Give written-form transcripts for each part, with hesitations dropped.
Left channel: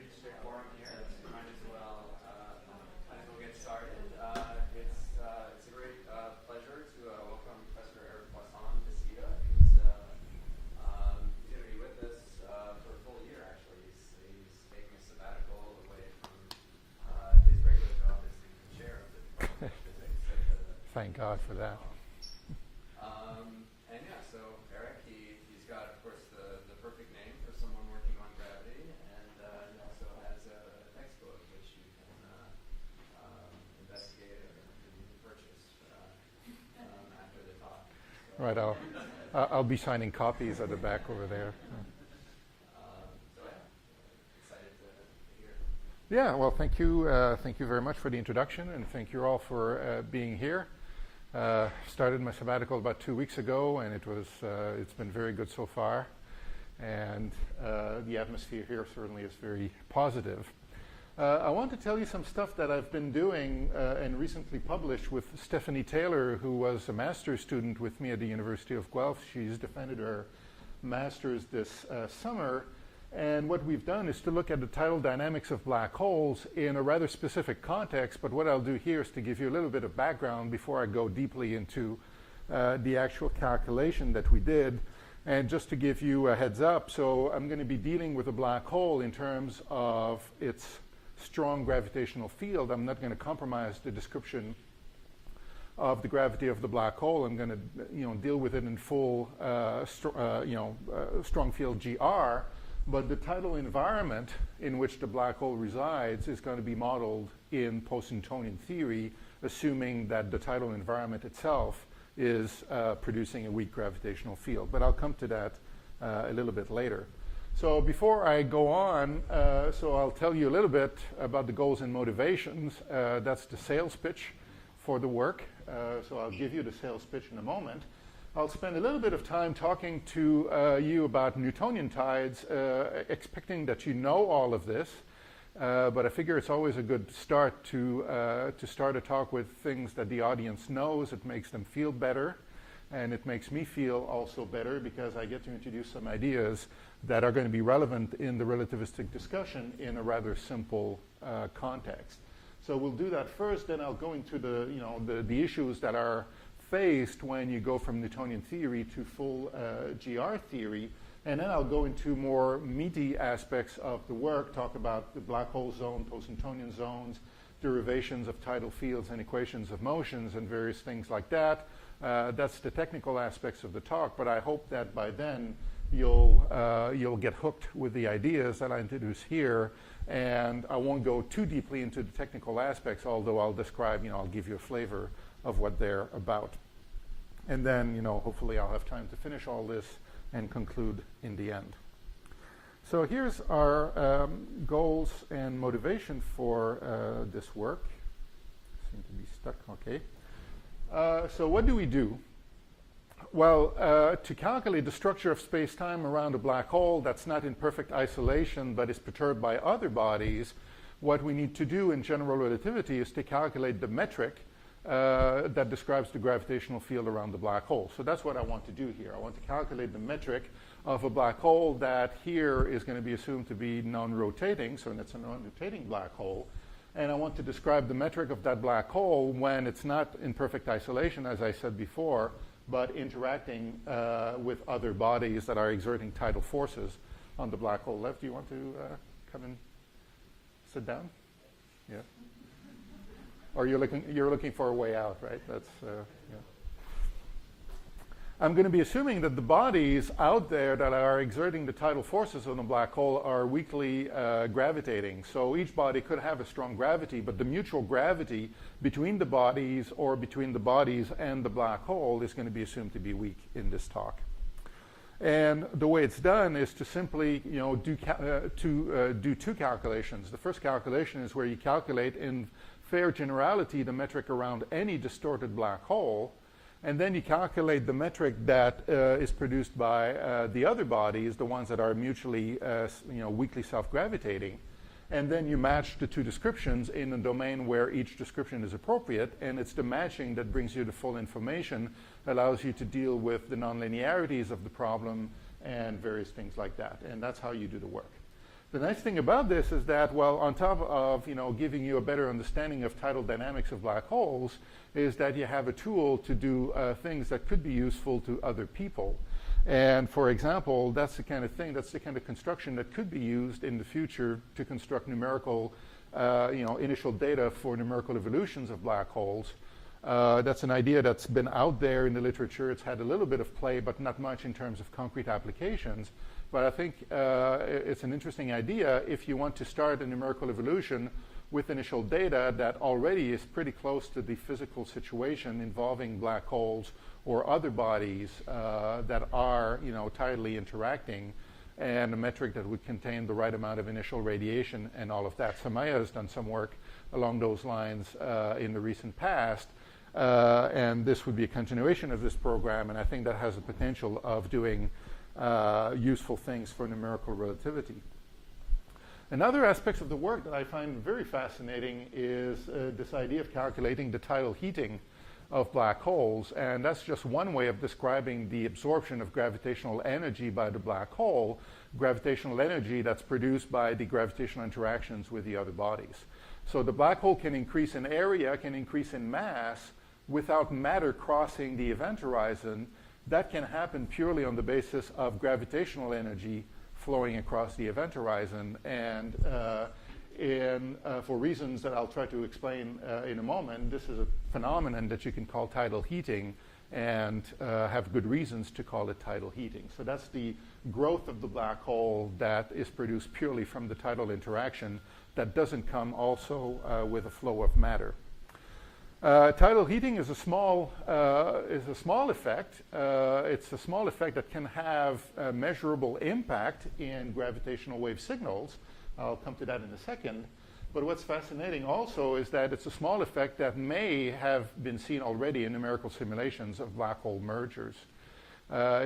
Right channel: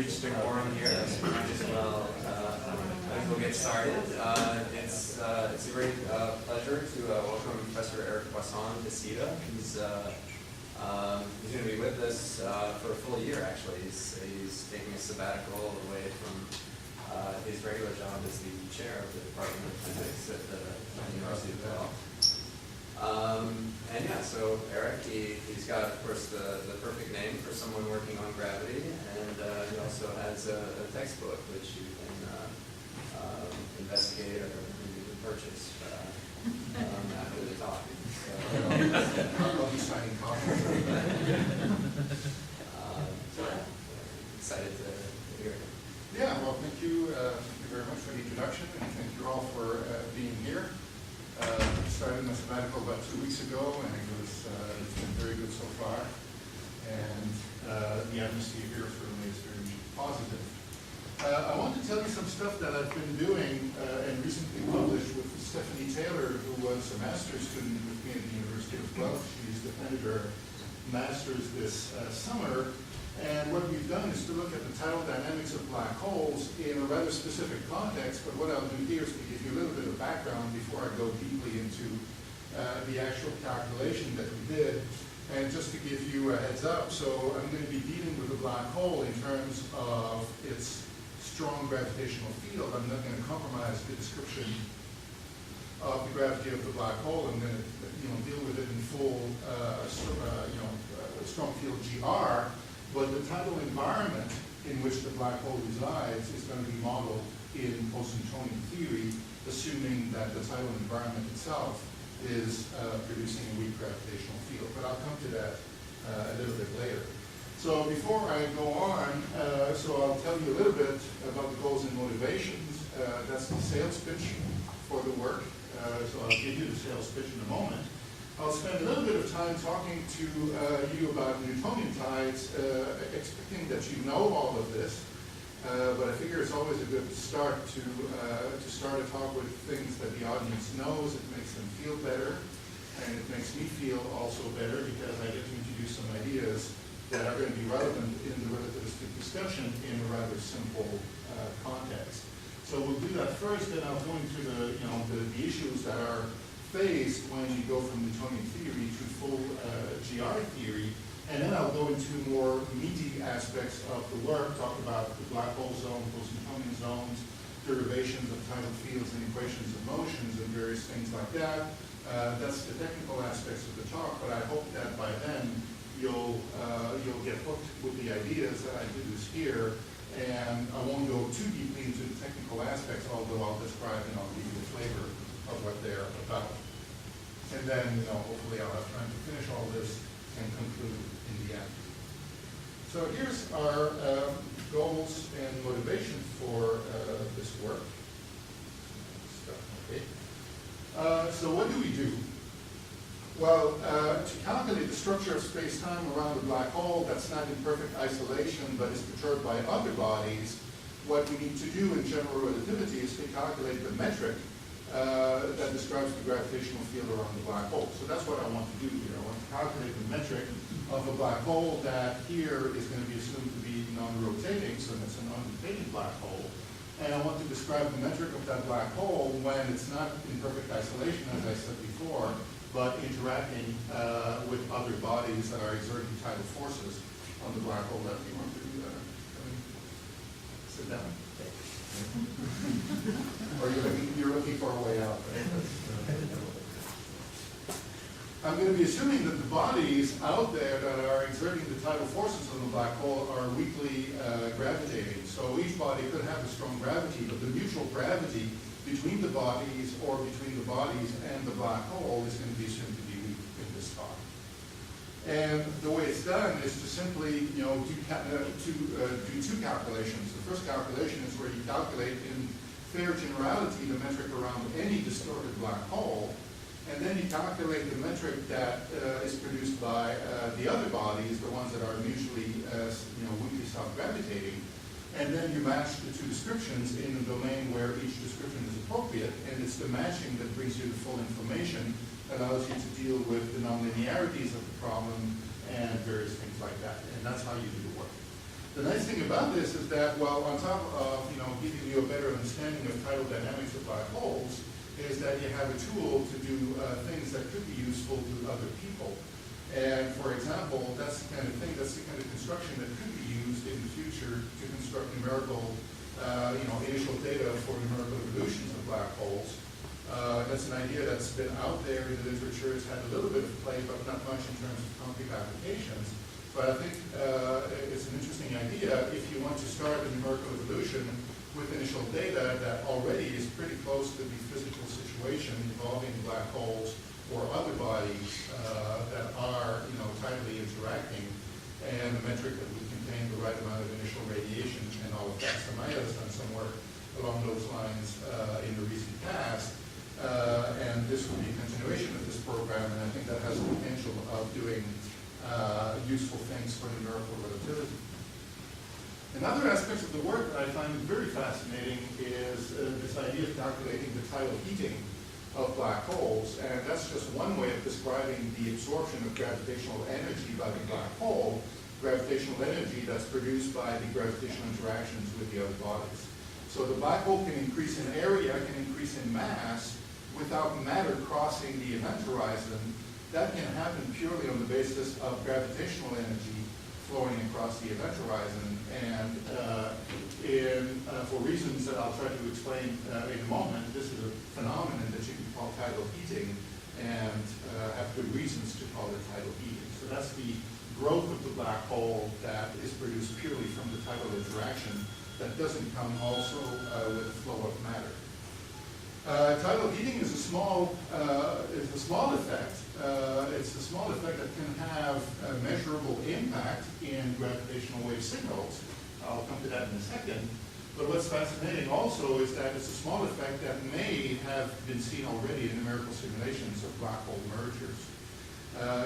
reached a quorum here, so we might as well get started. It's a great pleasure to welcome Professor Eric Poisson to CITA. He's going to be with us for a full year, actually. He's taking a sabbatical away from his regular job as the chair of the Department of Physics at the University of Guelph. And yeah, so Eric, he's got, of course, the perfect name for someone working on gravity, and he also has a textbook which you can investigate or you can purchase after the talk. So, right, I'll be signing copies of the back. So excited to hear it. Yeah, well, thank you very much for the introduction, and thank you all for being here. Started my sabbatical about 2 weeks ago, and it's been very good so far. And the atmosphere here certainly is very positive. I want to tell you some stuff that I've been doing and recently published with Stephanie Taylor, who was a master's student with me at the University of Guelph. She's defended her master's this summer. And what we've done is to look at the tidal dynamics of black holes in a rather specific context, but what I'll do here is to give you a little bit of background before I go deeply into the actual calculation that we did. And just to give you a heads up, so I'm going to be dealing with a black hole in terms of its strong gravitational field. I'm not going to compromise the description of the gravity of the black hole. I'm going to deal with it in full strong field GR. But the tidal environment in which the black hole resides is going to be modeled in post-Newtonian theory, assuming that the tidal environment itself is producing a weak gravitational field. But I'll come to that a little bit later. So before I go on, so I'll tell you a little bit about the goals and motivations. That's the sales pitch for the work. So I'll give you the sales pitch in a moment. I'll spend a little bit of time talking to you about Newtonian tides, expecting that you know all of this, but I figure it's always a good start to start a talk with things that the audience knows. It makes them feel better, and it makes me feel also better because I get to introduce some ideas that are going to be relevant in the relativistic discussion in a rather simple context. So we'll do that first, then I'll go into the issues that are faced when you go from Newtonian theory to full GR theory, and then I'll go into more meaty aspects of the work, talk about the black hole zone, post-Newtonian zones, derivations of tidal fields and equations of motions and various things like that. That's the technical aspects of the talk, but I hope that by then you'll get hooked with the ideas that I introduce here, and I won't go too deeply into the technical aspects, although I'll describe, I'll give you a flavor of what they're about. And then, hopefully I'll have time to finish all this and conclude in the end. So here's our goals and motivation for this work. Okay. So what do we do? Well, to calculate the structure of space-time around a black hole that's not in perfect isolation but is perturbed by other bodies, what we need to do in general relativity is to calculate the metric that describes the gravitational field around the black hole. So that's what I want to do here. I want to calculate the metric of a black hole that here is going to be assumed to be non-rotating, so that's a non-rotating black hole. And I want to describe the metric of that black hole when it's not in perfect isolation, as I said before, but interacting with other bodies that are exerting tidal forces on the black hole. Do you want to come in, sit down? Or you're looking for a way out, right? I'm going to be assuming that the bodies out there that are exerting the tidal forces on the black hole are weakly gravitating. So each body could have a strong gravity, but the mutual gravity between the bodies or between the bodies and the black hole is going to be assumed to be weak in this talk. And the way it's done is to simply, do two calculations. The first calculation is where you calculate in fair generality the metric around any distorted black hole, and then you calculate the metric that is produced by the other bodies, the ones that are mutually, weakly self-gravitating, and then you match the two descriptions in a domain where each description is appropriate, and it's the matching that brings you the full information, allows you to deal with the nonlinearities of the problem and various things like that, and that's how you do the work. The nice thing about this is that, well, on top of giving you a better understanding of tidal dynamics of black holes, is that you have a tool to do things that could be useful to other people. And for example, that's the kind of thing, that's the kind of construction that could be used in the future to construct numerical, initial data for numerical evolutions of black holes. That's an idea that's been out there in the literature. It's had a little bit of play, but not much in terms of concrete applications. But I think it's an interesting idea if you want to start a numerical evolution with initial data that already is pretty close to the physical situation involving black holes or other bodies that are tidally interacting, and a metric that would contain the right amount of initial radiation and all of that. Samaya has done some work along those lines in the recent past, and this would be a continuation of this program, and I think that has the potential of doing useful things for numerical relativity. Another aspect of the work that I find very fascinating is this idea of calculating the tidal heating of black holes, and that's just one way of describing the absorption of gravitational energy by the black hole, gravitational energy that's produced by the gravitational interactions with the other bodies. So the black hole can increase in area, can increase in mass, without matter crossing the event horizon. That can happen purely on the basis of gravitational energy flowing across the event horizon, and for reasons that I'll try to explain in a moment, this is a phenomenon that you can call tidal heating, and have good reasons to call it tidal heating. So that's the growth of the black hole that is produced purely from the tidal interaction that doesn't come also with a flow of matter. Tidal heating is a small effect. It's a small effect that can have a measurable impact in gravitational wave signals. I'll come to that in a second. But what's fascinating also is that it's a small effect that may have been seen already in numerical simulations of black hole mergers.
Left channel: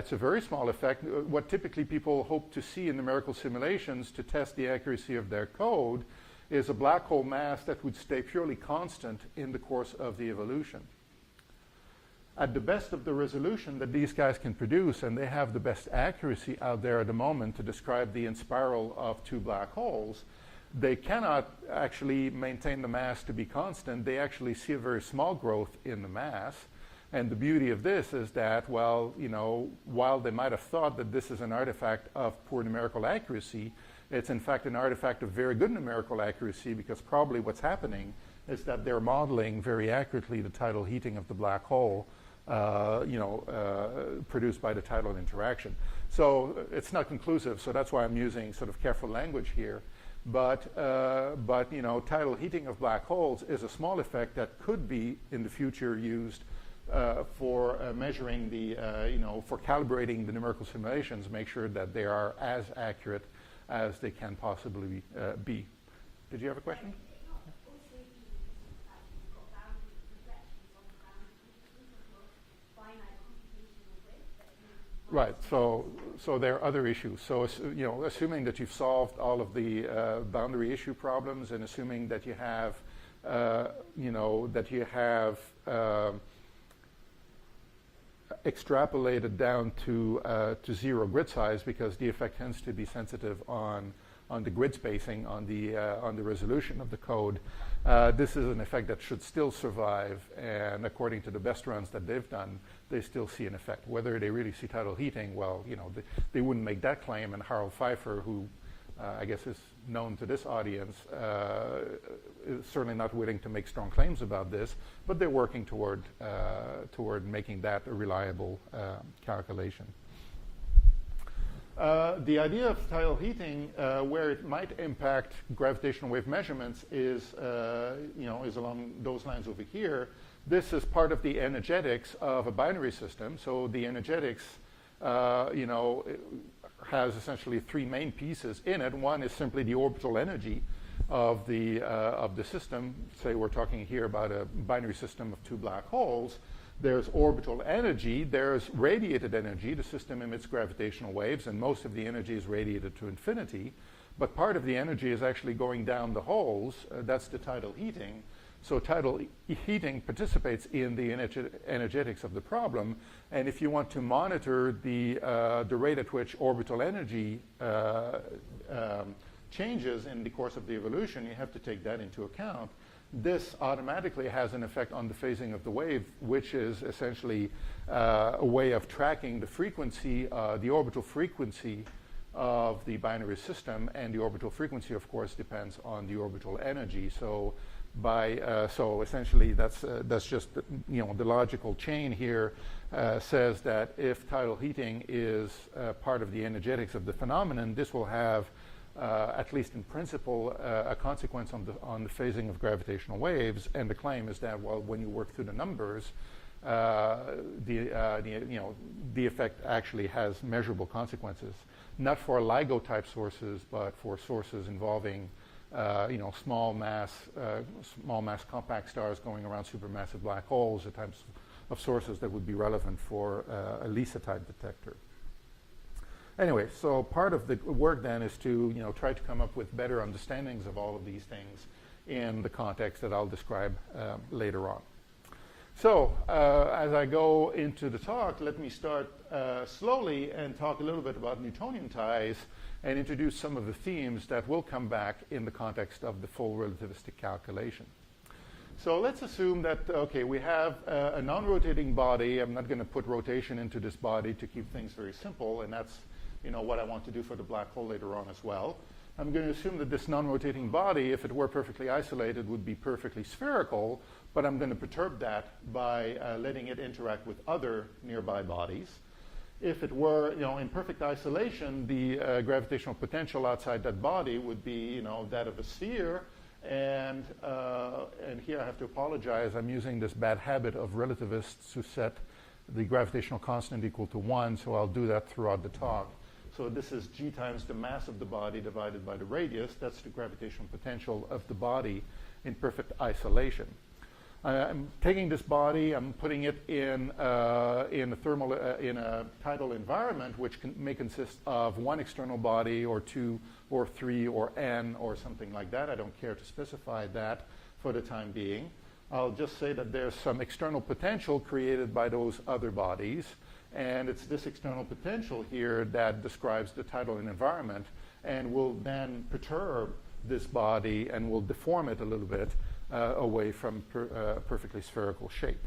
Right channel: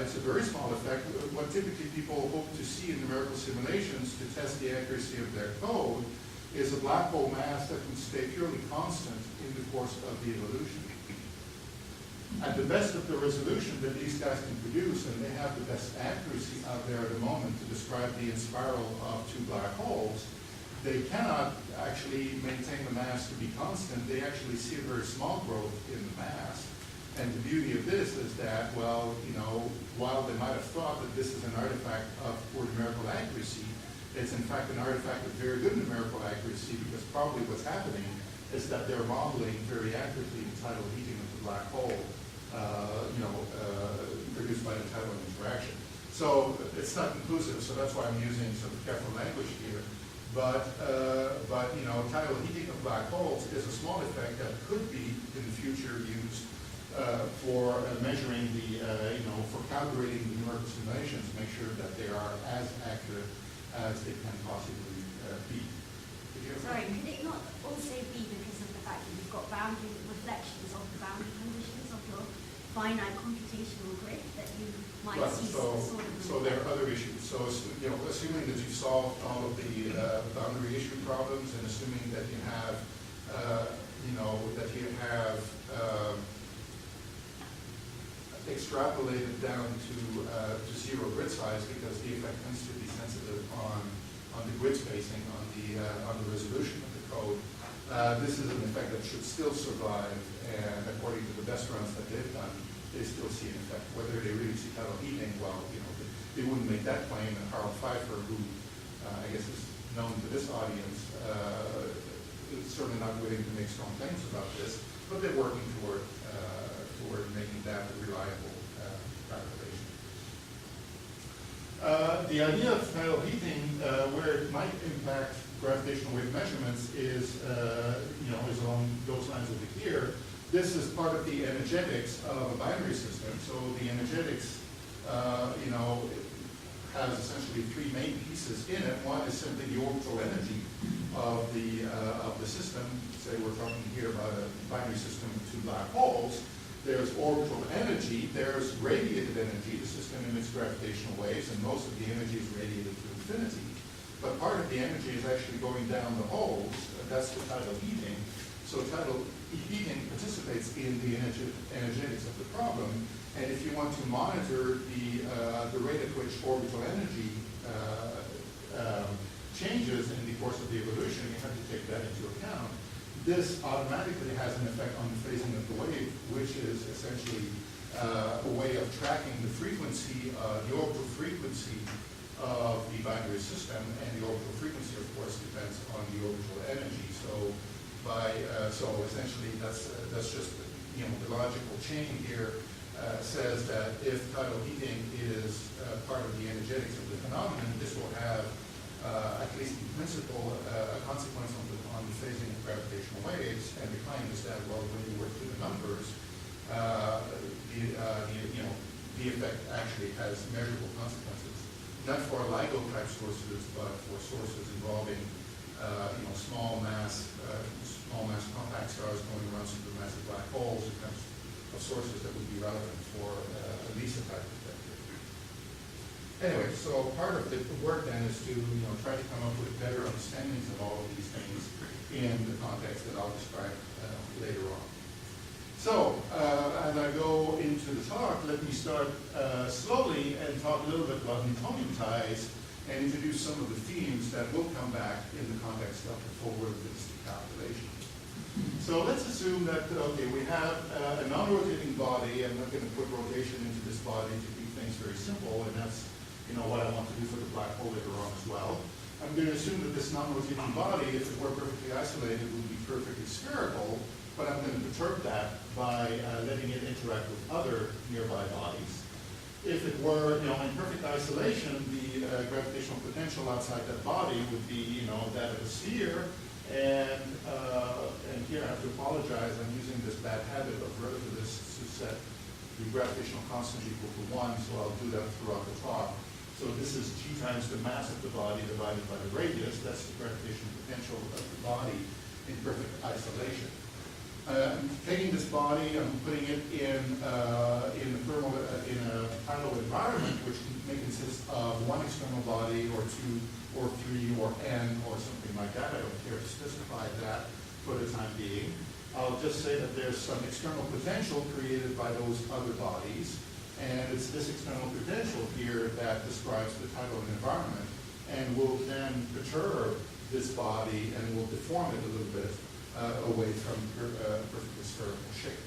It's a very small effect. What typically people hope to see in numerical simulations to test the accuracy of their code is a black hole mass that would stay purely constant in the course of the evolution. At the best of the resolution that these guys can produce, and they have the best accuracy out there at the moment to describe the inspiral of two black holes, they cannot actually maintain the mass to be constant. They actually see a very small growth in the mass. And the beauty of this is that, well, while they might have thought that this is an artifact of poor numerical accuracy, it's in fact an artifact of very good numerical accuracy, because probably what's happening is that they're modeling very accurately the tidal heating of the black hole, produced by the tidal interaction. So it's not conclusive, so that's why I'm using sort of careful language here. But tidal heating of black holes is a small effect that could be in the future used for measuring for calibrating the numerical simulations, make sure that they are as accurate as they can possibly be. Did you have a question? Sorry, could it not also be because of the fact that you've got boundary reflections of the boundary conditions of your finite computational grid that you might Right. see? So there are other issues. So assuming that you've solved all of the boundary issue problems, and assuming that you have extrapolated down to zero grid size, because the effect tends to be sensitive on the grid spacing, on the resolution of the code. This is an effect that should still survive, and according to the best runs that they've done, they still see an effect. Whether they really see tidal heating, well, they wouldn't make that claim. And Harold Pfeiffer, who I guess is known to this audience, is certainly not willing to make strong claims about this, but they're working toward making that a reliable calculation. The idea of tidal heating, where it might impact gravitational wave measurements, is along those lines over here. This is part of the energetics of a binary system. So the energetics, has essentially three main pieces in it. One is simply the orbital energy of the system. Say we're talking here about a binary system of two black holes. There's orbital energy, there's radiated energy, the system emits gravitational waves, and most of the energy is radiated to infinity. But part of the energy is actually going down the holes. That's the tidal heating. So tidal heating participates in the energetics of the problem. And if you want to monitor the rate at which orbital energy changes in the course of the evolution, you have to take that into account. This automatically has an effect on the phasing of the wave, which is essentially a way of tracking the frequency, the orbital frequency of the binary system, and the orbital frequency, of course, depends on the orbital energy. So, so essentially, that's just the logical chain here says that if tidal heating is part of the energetics of the phenomenon, this will have, at least in principle, a consequence on the phasing of gravitational waves. And the claim is that, well, when you work through the numbers, the effect actually has measurable consequences. Not for LIGO-type sources, but for sources involving, small mass compact stars going around supermassive black holes, the types of sources that would be relevant for a LISA-type detector. Anyway, so part of the work then is to try to come up with better understandings of all of these things in the context that I'll describe later on. So, as I go into the talk, let me start slowly and talk a little bit about Newtonian ties and introduce some of the themes that will come back in the context of the full relativistic calculation. So let's assume that, okay, we have a non-rotating body. I'm not going to put rotation into this body to keep things very simple, and that's what I want to do for the black hole later on as well. I'm going to assume that this non-rotating body, if it were perfectly isolated, would be perfectly spherical, but I'm going to perturb that by letting it interact with other nearby bodies. If it were, in perfect isolation, the gravitational potential outside that body would be, that of a sphere. And here I have to apologize. I'm using this bad habit of relativists to set the gravitational constant equal to 1, so I'll do that throughout the talk. So this is g times the mass of the body divided by the radius. That's the gravitational potential of the body in perfect isolation. I'm taking this body, I'm putting it in a tidal environment, which may consist of one external body, or two, or three, or n, or something like that. I don't care to specify that for the time being. I'll just say that there's some external potential created by those other bodies, and it's this external potential here that describes the tidal environment, and will then perturb this body and will deform it a little bit away from perfectly spherical shape.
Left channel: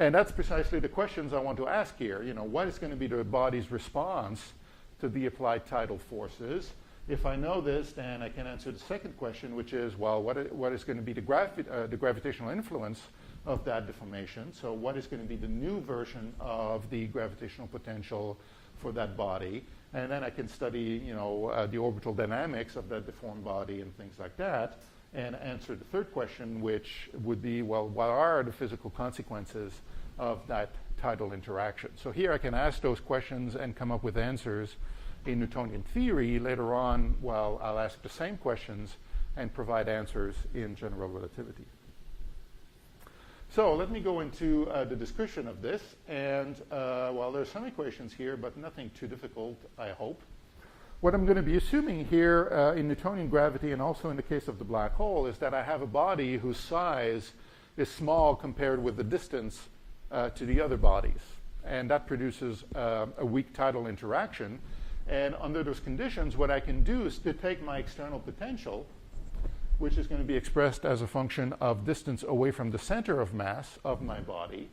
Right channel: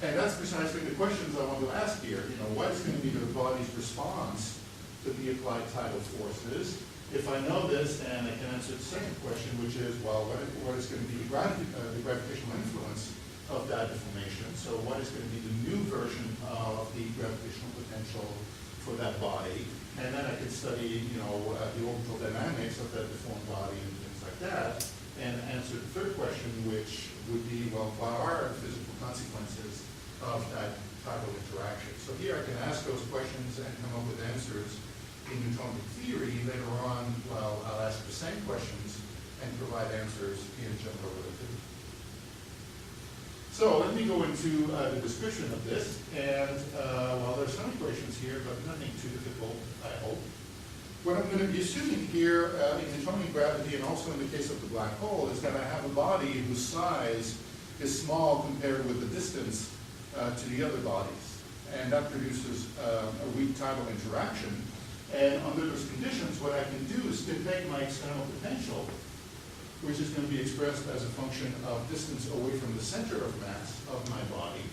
And that's precisely the questions I want to ask here. What is going to be the body's response to the applied tidal forces? If I know this, then I can answer the second question, which is, well, what is going to be the gravitational influence of that deformation? So what is going to be the new version of the gravitational potential for that body? And then I can study, the orbital dynamics of that deformed body and things like that, and answer the third question, which would be, well, what are the physical consequences of that tidal interaction? So here I can ask those questions and come up with answers in Newtonian theory. Later on, well, I'll ask the same questions and provide answers in general relativity. So let me go into the description of this. And, well, there's some equations here, but nothing too difficult, I hope. What I'm going to be assuming here in Newtonian gravity, and also in the case of the black hole, is that I have a body whose size is small compared with the distance to the other bodies. And that produces a weak tidal interaction. And under those conditions, what I can do is to take my external potential, which is going to be expressed as a function of distance away from the center of mass of my body.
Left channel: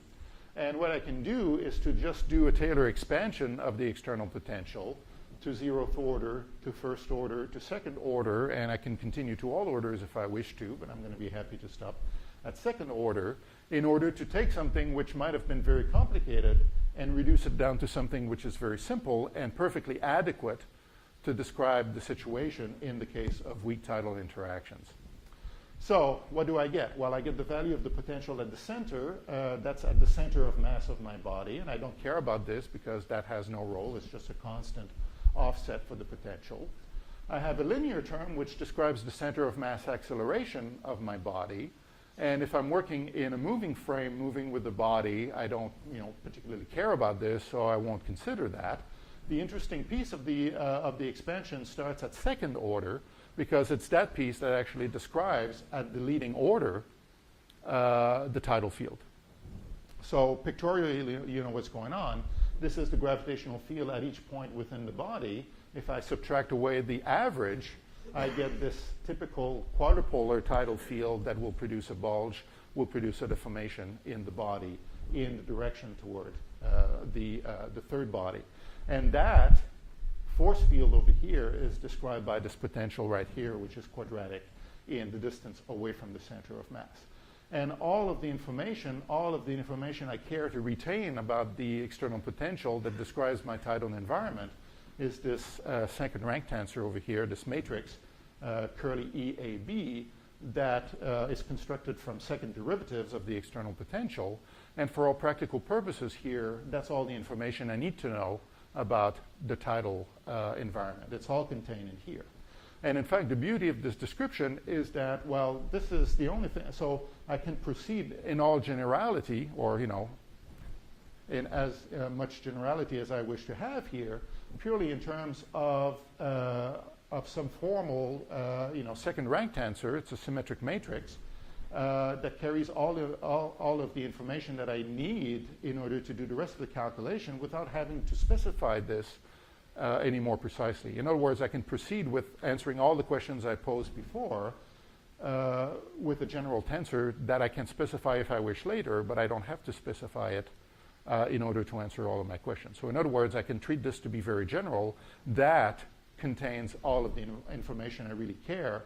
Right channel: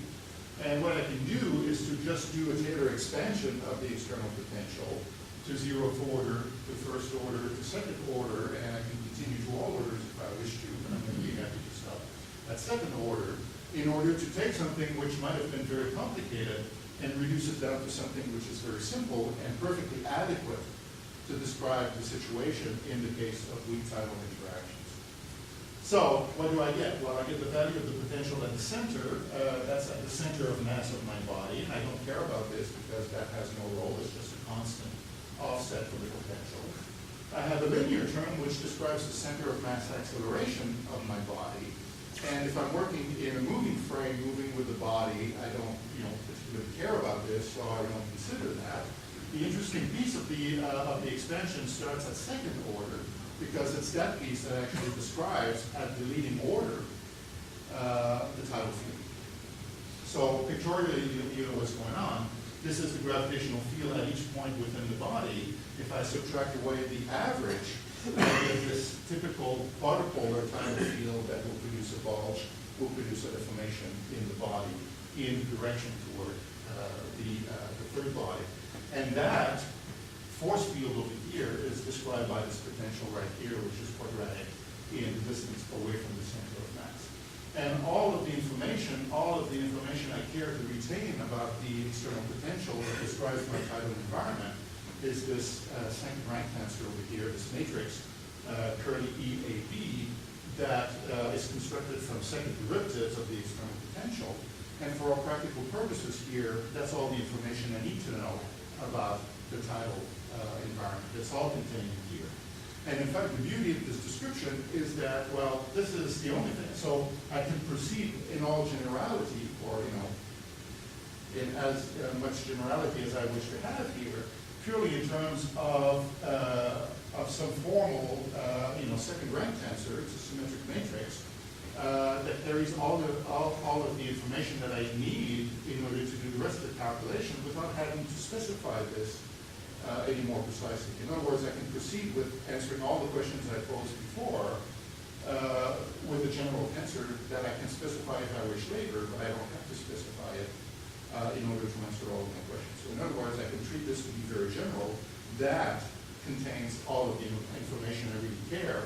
And what I can do is to just do a Taylor expansion of the external potential to zeroth order, to first order, to second order, and I can continue to all orders if I wish to, but I'm going to be happy to stop at second order, in order to take something which might have been very complicated and reduce it down to something which is very simple and perfectly adequate to describe the situation in the case of weak tidal interactions. So what do I get? Well, I get the value of the potential at the center. That's at the center of mass of my body. And I don't care about this because that has no role. It's just a constant offset for the potential. I have a linear term which describes the center of mass acceleration of my body. And if I'm working in a moving frame, moving with the body, I don't particularly care about this, so I won't consider that. The interesting piece of the expansion starts at second order, because it's that piece that actually describes at the leading order the tidal field. So pictorially, you know what's going on. This is the gravitational field at each point within the body. If I subtract away the average I get this typical quadrupolar tidal field that will produce a bulge, will produce a deformation in the body in direction toward the third body. And that force field over here is described by this potential right here, which is quadratic in the distance away from the center of mass. And all of the information I care to retain about the external potential that describes my tidal environment is this second rank tensor over here, this matrix, curly EAB, that is constructed from second derivatives of the external potential. And for all practical purposes here, that's all the information I need to know about the tidal environment. It's all contained in here. And in fact, the beauty of this description is that, well, this is the only thing. So I can proceed in all generality, or, in as much generality as I wish to have here, purely in terms of some formal, second rank tensor. It's a symmetric matrix that carries all of the information that I need in order to do the rest of the calculation without having to specify this any more precisely. In other words, I can proceed with answering all the questions I posed before with a general tensor that I can specify if I wish later, but I don't have to specify it in order to answer all of my questions. So in other words, I can treat this to be very general. That contains all of the information I really care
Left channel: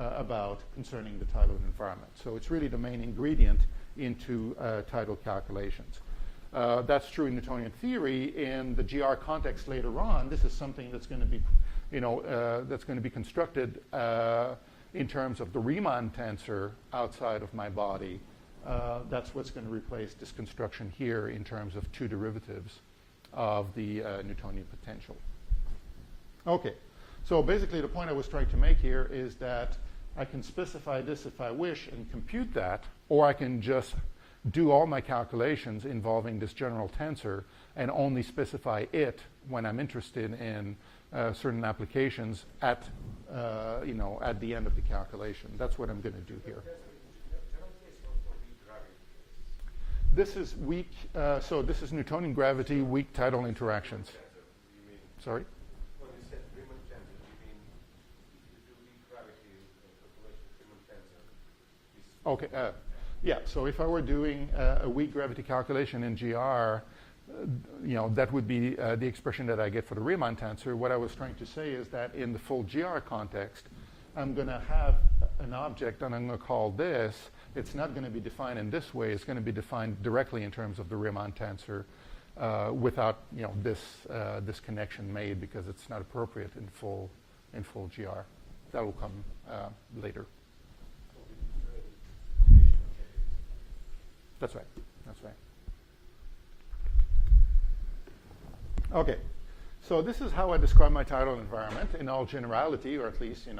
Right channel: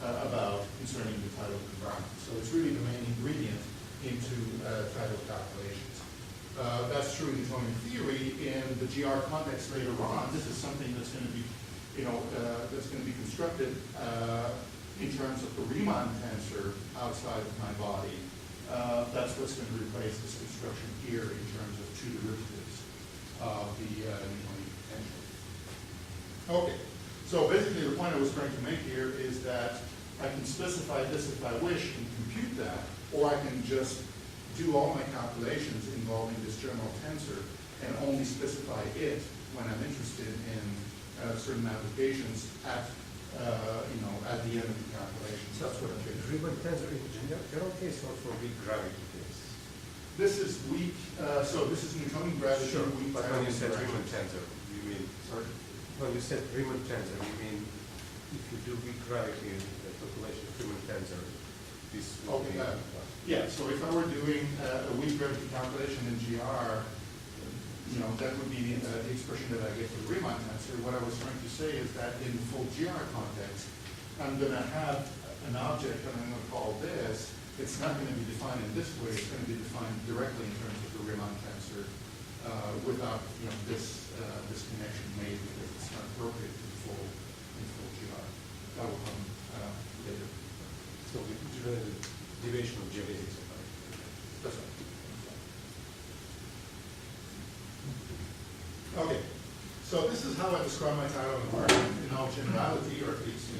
about concerning the tidal environment. So it's really the main ingredient into tidal calculations. That's true in Newtonian theory. In the GR context later on, this is something that's going to be, that's going to be constructed in terms of the Riemann tensor outside of my body. That's what's going to replace this construction here in terms of two derivatives of the Newtonian potential. Okay, so basically the point I was trying to make here is that I can specify this if I wish and compute that, or I can just do all my calculations involving this general tensor and only specify it when I'm interested in certain applications at the end of the calculations. That's what I'm doing. Riemann tensor in general case or for weak gravity case? This is weak, so this is Newtonian gravity, Sure, weak but tidal when you said interaction. Riemann tensor, you mean, Sorry? when you said Riemann tensor, you mean if you do weak gravity in the population of Riemann tensor, this Okay, yeah, so if I were doing a weak gravity calculation in GR, that would be the expression that I get for the Riemann tensor. What I was trying to say is that in the full GR context, I'm going to have an object, and I'm going to call this. It's not going to be defined in this way. It's going to be defined directly in terms of the Riemann tensor without this connection made, because it's not appropriate in full GR. That will come later. So it's really the deviation of geodesics. That's right. Okay, so this is how I describe my tidal environment in all generality, or at least,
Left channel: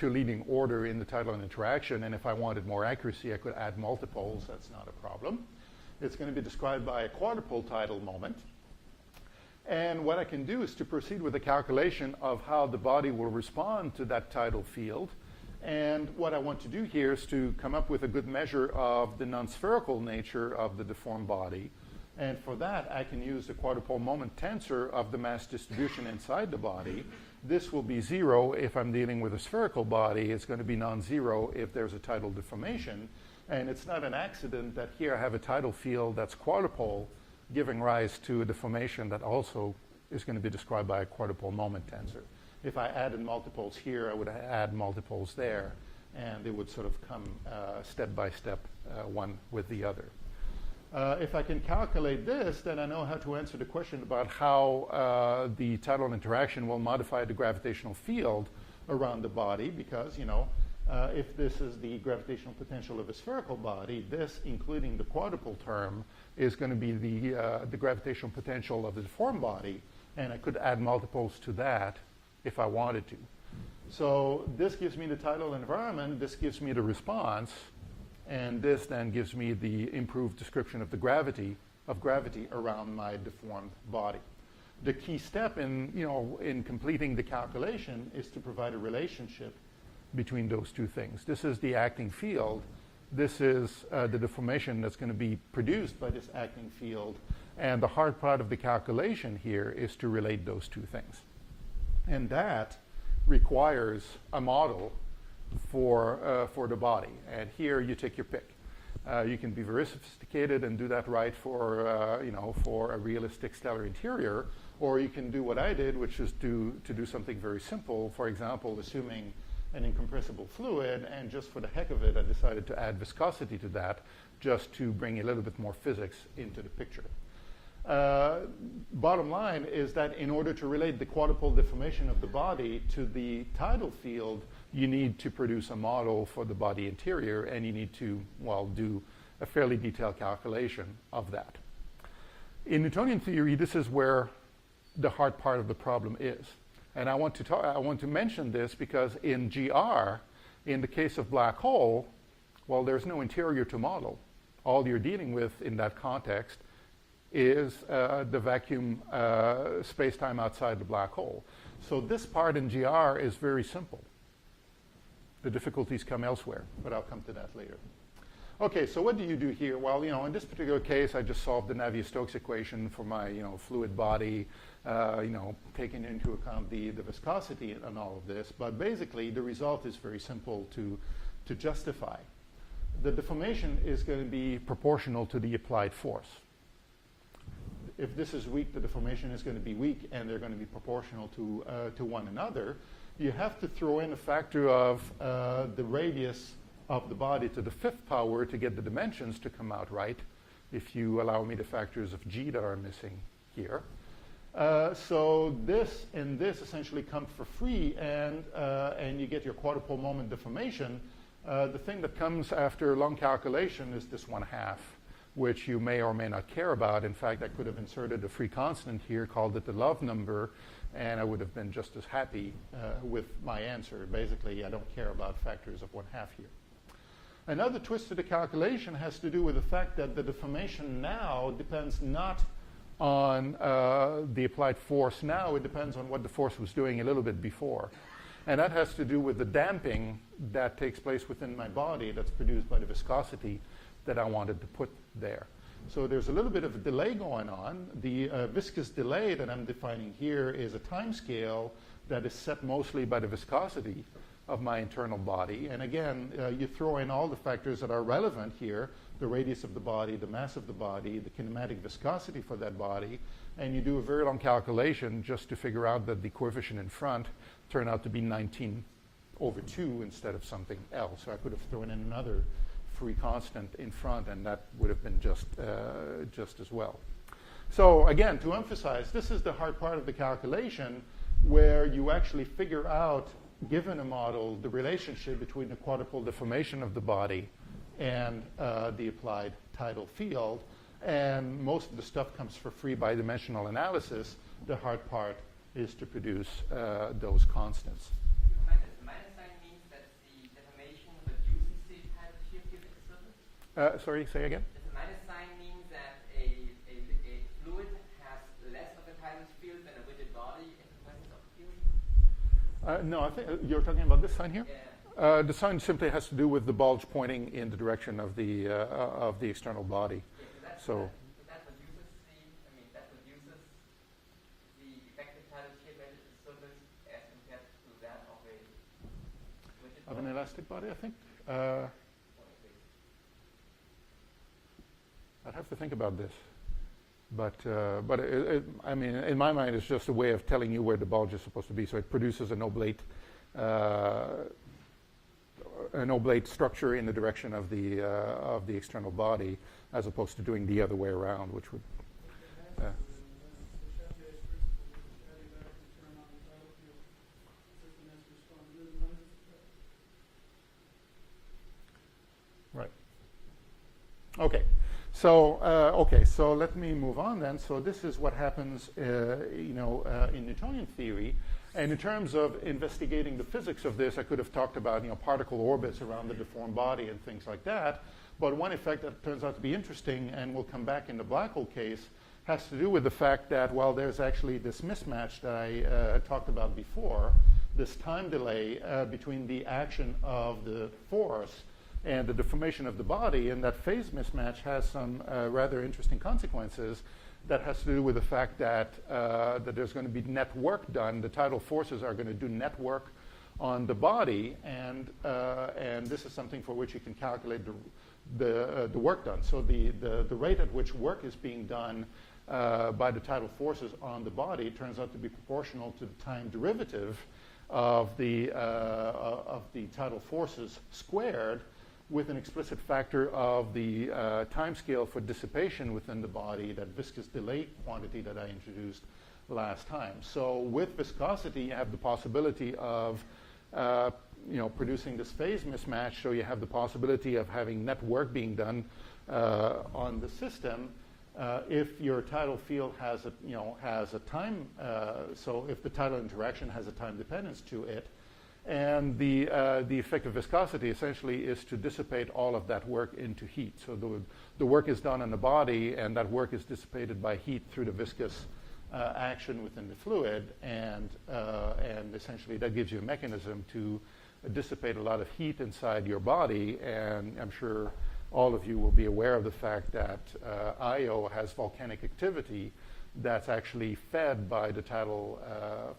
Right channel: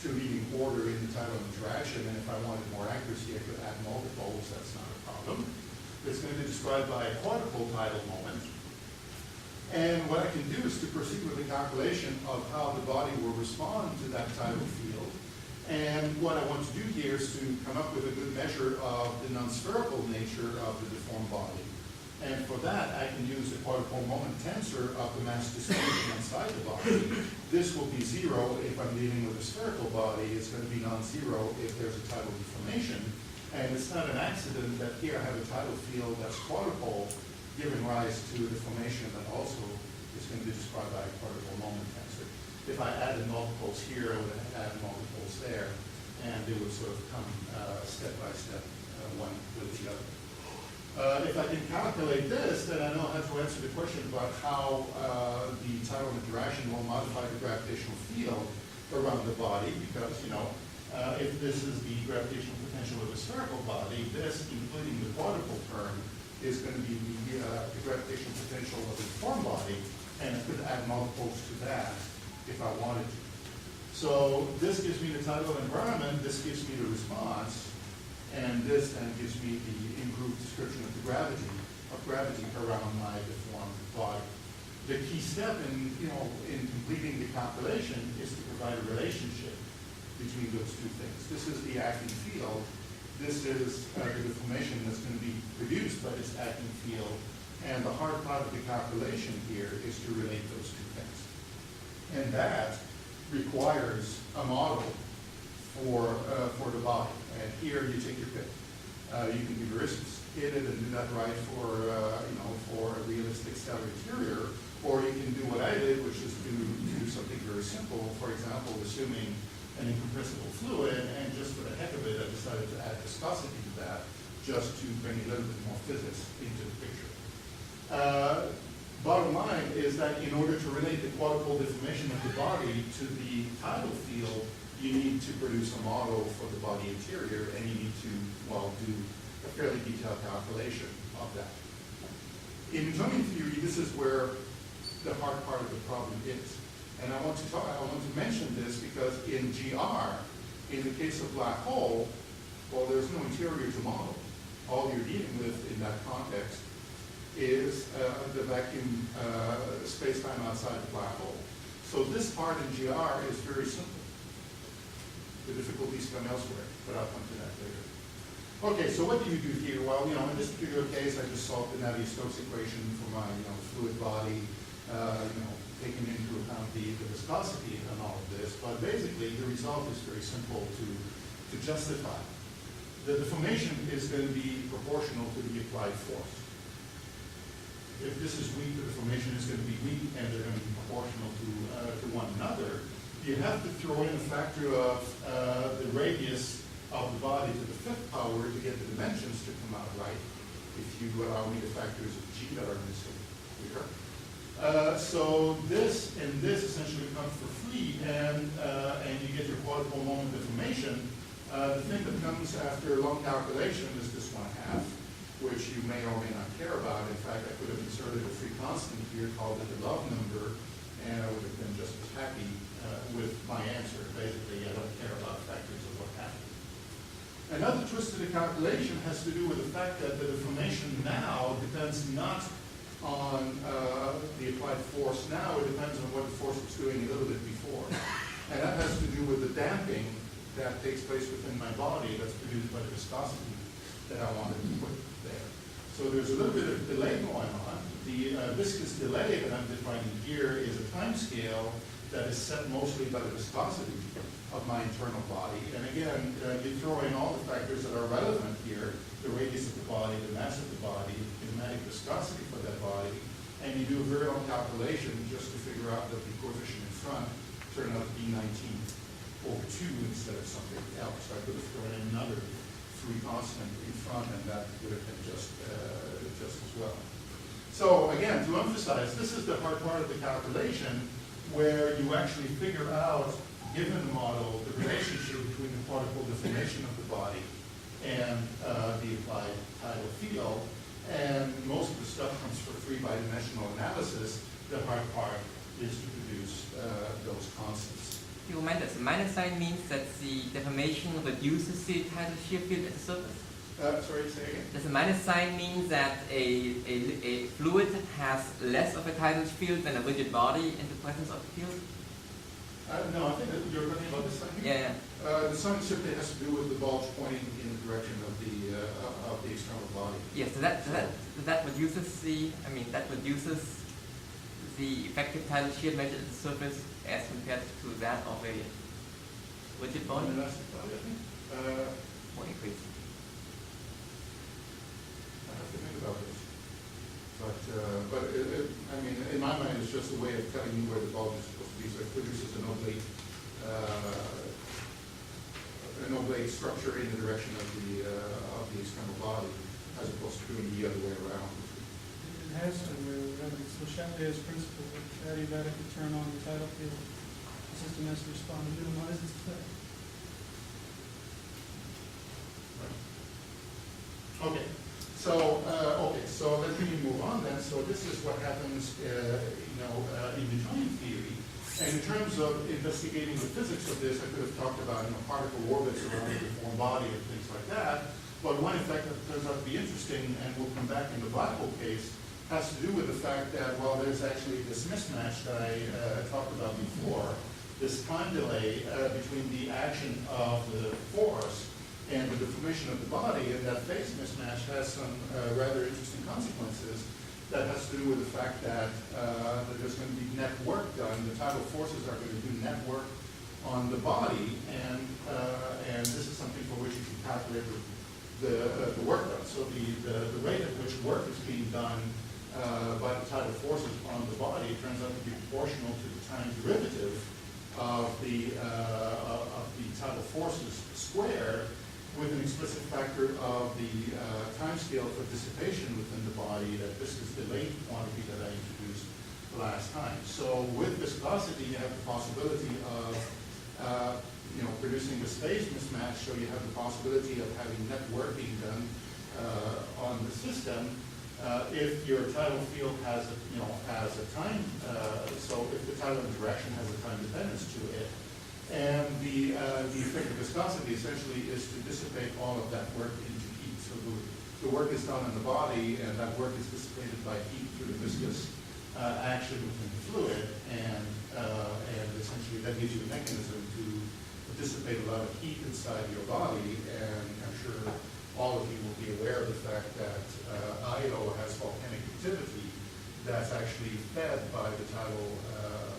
to leading order in the tidal interaction. And if I wanted more accuracy, I could add multiples. That's not a problem. It's going to be described by a quadrupole tidal moment. And what I can do is to proceed with a calculation of how the body will respond to that tidal field. And what I want to do here is to come up with a good measure of the non-spherical nature of the deformed body. And for that, I can use a quadrupole moment tensor of the mass distribution inside the body. This will be 0 if I'm dealing with a spherical body. It's going to be non-zero if there's a tidal deformation. And it's not an accident that here I have a tidal field that's quadrupole, giving rise to a deformation that also is going to be described by a quadrupole moment tensor. If I added multiples here, I would add multiples there, and they would sort of come step by step, one with the other. If I can calculate this, then I know how to answer the question about how the tidal interaction will modify the gravitational field around the body, because, if this is the gravitational potential of a spherical body, this, including the quadrupole term, is going to be the gravitational potential of the deformed body, and I could add multiples to that if I wanted to. So this gives me the tidal environment, this gives me the response, and this then gives me the improved description of the gravity around my deformed body. The key step in completing the calculation is to provide a relationship between those two things. This is the acting field. This is the deformation that's going to be produced by this acting field. And the hard part of the calculation here is to relate those two things. And that requires a model for the body. And here you take your pick. You can be very sophisticated and do that right for for a realistic stellar interior, or you can do what I did, which is to do something very simple. For example, assuming an incompressible fluid, and just for the heck of it, I decided to add viscosity to that, just to bring a little bit more physics into the picture. Bottom line is that in order to relate the quadrupole deformation of the body to the tidal field, you need to produce a model for the body interior, and you need to, well, do a fairly detailed calculation of that. In Newtonian theory, this is where the hard part of the problem is. And I want to mention this because in GR, in the case of black hole, well, there's no interior to model. All you're dealing with in that context is the vacuum space-time outside the black hole. So this part in GR is very simple. The difficulties come elsewhere, but I'll come to that later. Okay, so what do you do here? Well, in this particular case, I just solved the Navier-Stokes equation for my, fluid body, taking into account the viscosity and all of this. But basically, the result is very simple to justify. The deformation is going to be proportional to the applied force. If this is weak, the deformation is going to be weak, and they're going to be proportional to one another. You have to throw in a factor of the radius of the body to the fifth power to get the dimensions to come out right, if you allow me the factors of g that are missing here. So this and this essentially come for free, and you get your quadrupole moment deformation. The thing that comes after long calculation is this 1/2, which you may or may not care about. In fact, I could have inserted a free constant here, called it the love number, and I would have been just as happy with my answer. Basically, I don't care about factors of what have you. Another twist to the calculation has to do with the fact that the deformation now depends not on the applied force now, it depends on what the force was doing a little bit before. And that has to do with the damping that takes place within my body that's produced by the viscosity that I wanted to put there. So there's a little bit of delay going on. The viscous delay that I'm defining here is a time scale that is set mostly by the viscosity of my internal body. And again, you throw in all the factors that are relevant here, the radius of the body, the mass of the body, the kinematic viscosity for that body, and you do a very long calculation just to figure out that the coefficient in front turned out to be 19/2 instead of something else. So I would have thrown in another free constant in front, and that would have been just as well. So again, to emphasize, this is the hard part of the calculation where you actually figure out, given a model, the relationship between the quadrupole deformation of the body and the applied tidal field. And most of the stuff comes for free by dimensional analysis. The hard part is to produce those constants. You remind us, the minus sign means that the deformation reduces the tidal shear field at the surface? Sorry, say again? Does the minus sign mean that a fluid has less of a tidal field than a rigid body in the presence of the field? No, I think you're talking about this sign here? Yeah. The sign simply has to do with the bulge pointing in the direction of the external body. Yes, so that reduces the effective tidal shear measured at the surface as compared to that of a rigid body? An elastic body, I think. Or increase? I have to think about this. But I mean, in my mind, it's just a way of telling you where the bulge is supposed to be. So it produces an oblate structure in the direction of the external body, as opposed to doing the other way around, which would. It has to do with Chaplier's principle. Adiabatic would turn on the tidal field. The system has to respond to minimize its effect. Right. Okay. So let me move on then. So this is what happens, in Newtonian theory. And in terms of investigating the physics of this, I could have talked about particle orbits around the deformed body and things like that. But one effect that turns out to be interesting, and we'll come back in the black hole case, has to do with the fact that, well, there's actually this mismatch that I talked about before, this time delay between the action of the force and the deformation of the body, and that phase mismatch has some rather interesting consequences. That has to do with the fact that there's going to be net work done. The tidal forces are going to do net work on the body, and this is something for which you can calculate the work done. So the rate at which work is being done by the tidal forces on the body turns out to be proportional to the time derivative of the tidal forces squared, with an explicit factor of the time scale for dissipation within the body, that viscous delay quantity that I introduced last time. So with viscosity, you have the possibility of producing this phase mismatch, so you have the possibility of having net work being done on the system if your tidal field has a time, so if the tidal interaction has a time dependence to it. And the effect of viscosity essentially is to dissipate all of that work into heat. So the work is done in the body, and that work is dissipated by heat through the viscous action within the fluid, and essentially that gives you a mechanism to dissipate a lot of heat inside your body. And I'm sure all of you will be aware of the fact that Io has volcanic activity that's actually fed by the tidal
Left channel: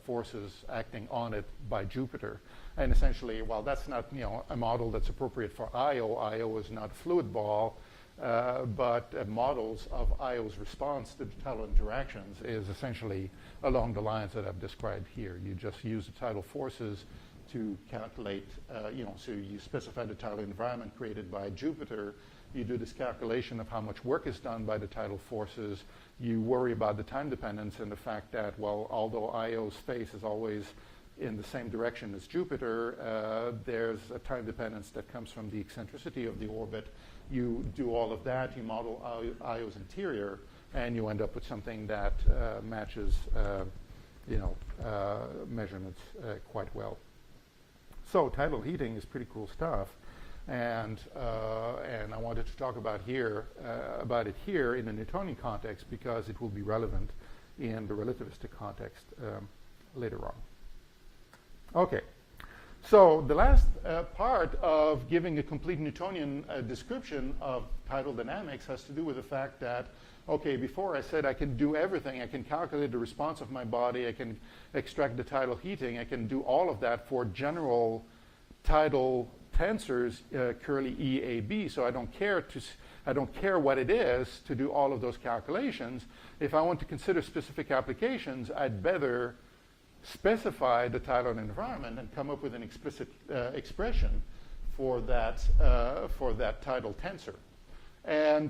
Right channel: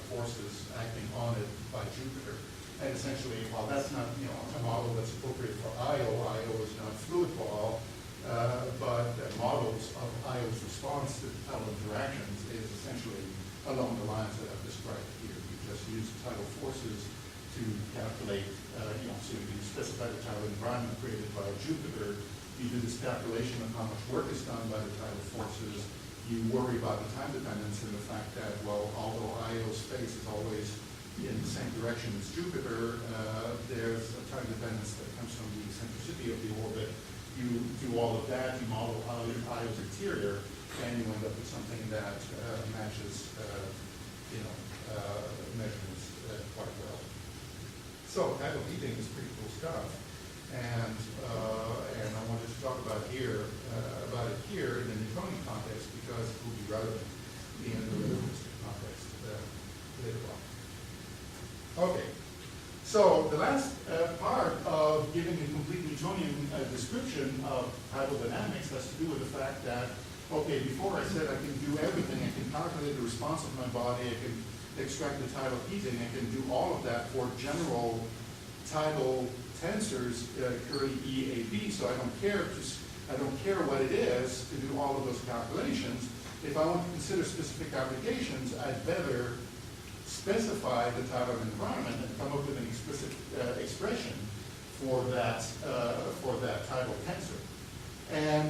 forces acting on it by Jupiter. And essentially, while that's not a model that's appropriate for Io is not a fluid ball, but models of Io's response to tidal interactions is essentially along the lines that I've described here. You just use tidal forces to calculate, so you specify the tidal environment created by Jupiter. You do this calculation of how much work is done by the tidal forces. You worry about the time dependence and the fact that, well, although Io's space is always in the same direction as Jupiter, there's a time dependence that comes from the eccentricity of the orbit. You do all of that, you model Io's interior, and you end up with something that matches measurements quite well. So tidal heating is pretty cool stuff, and I wanted to talk about it here in the Newtonian context because it will be relevant in the relativistic context later on. Okay, so the last part of giving a complete Newtonian description of tidal dynamics has to do with the fact that, okay, before I said I can do everything. I can calculate the response of my body. I can extract the tidal heating. I can do all of that for general tidal tensors, curly EAB. So I don't care what it is to do all of those calculations. If I want to consider specific applications, I'd better specify the tidal environment and come up with an explicit expression for that tidal tensor. And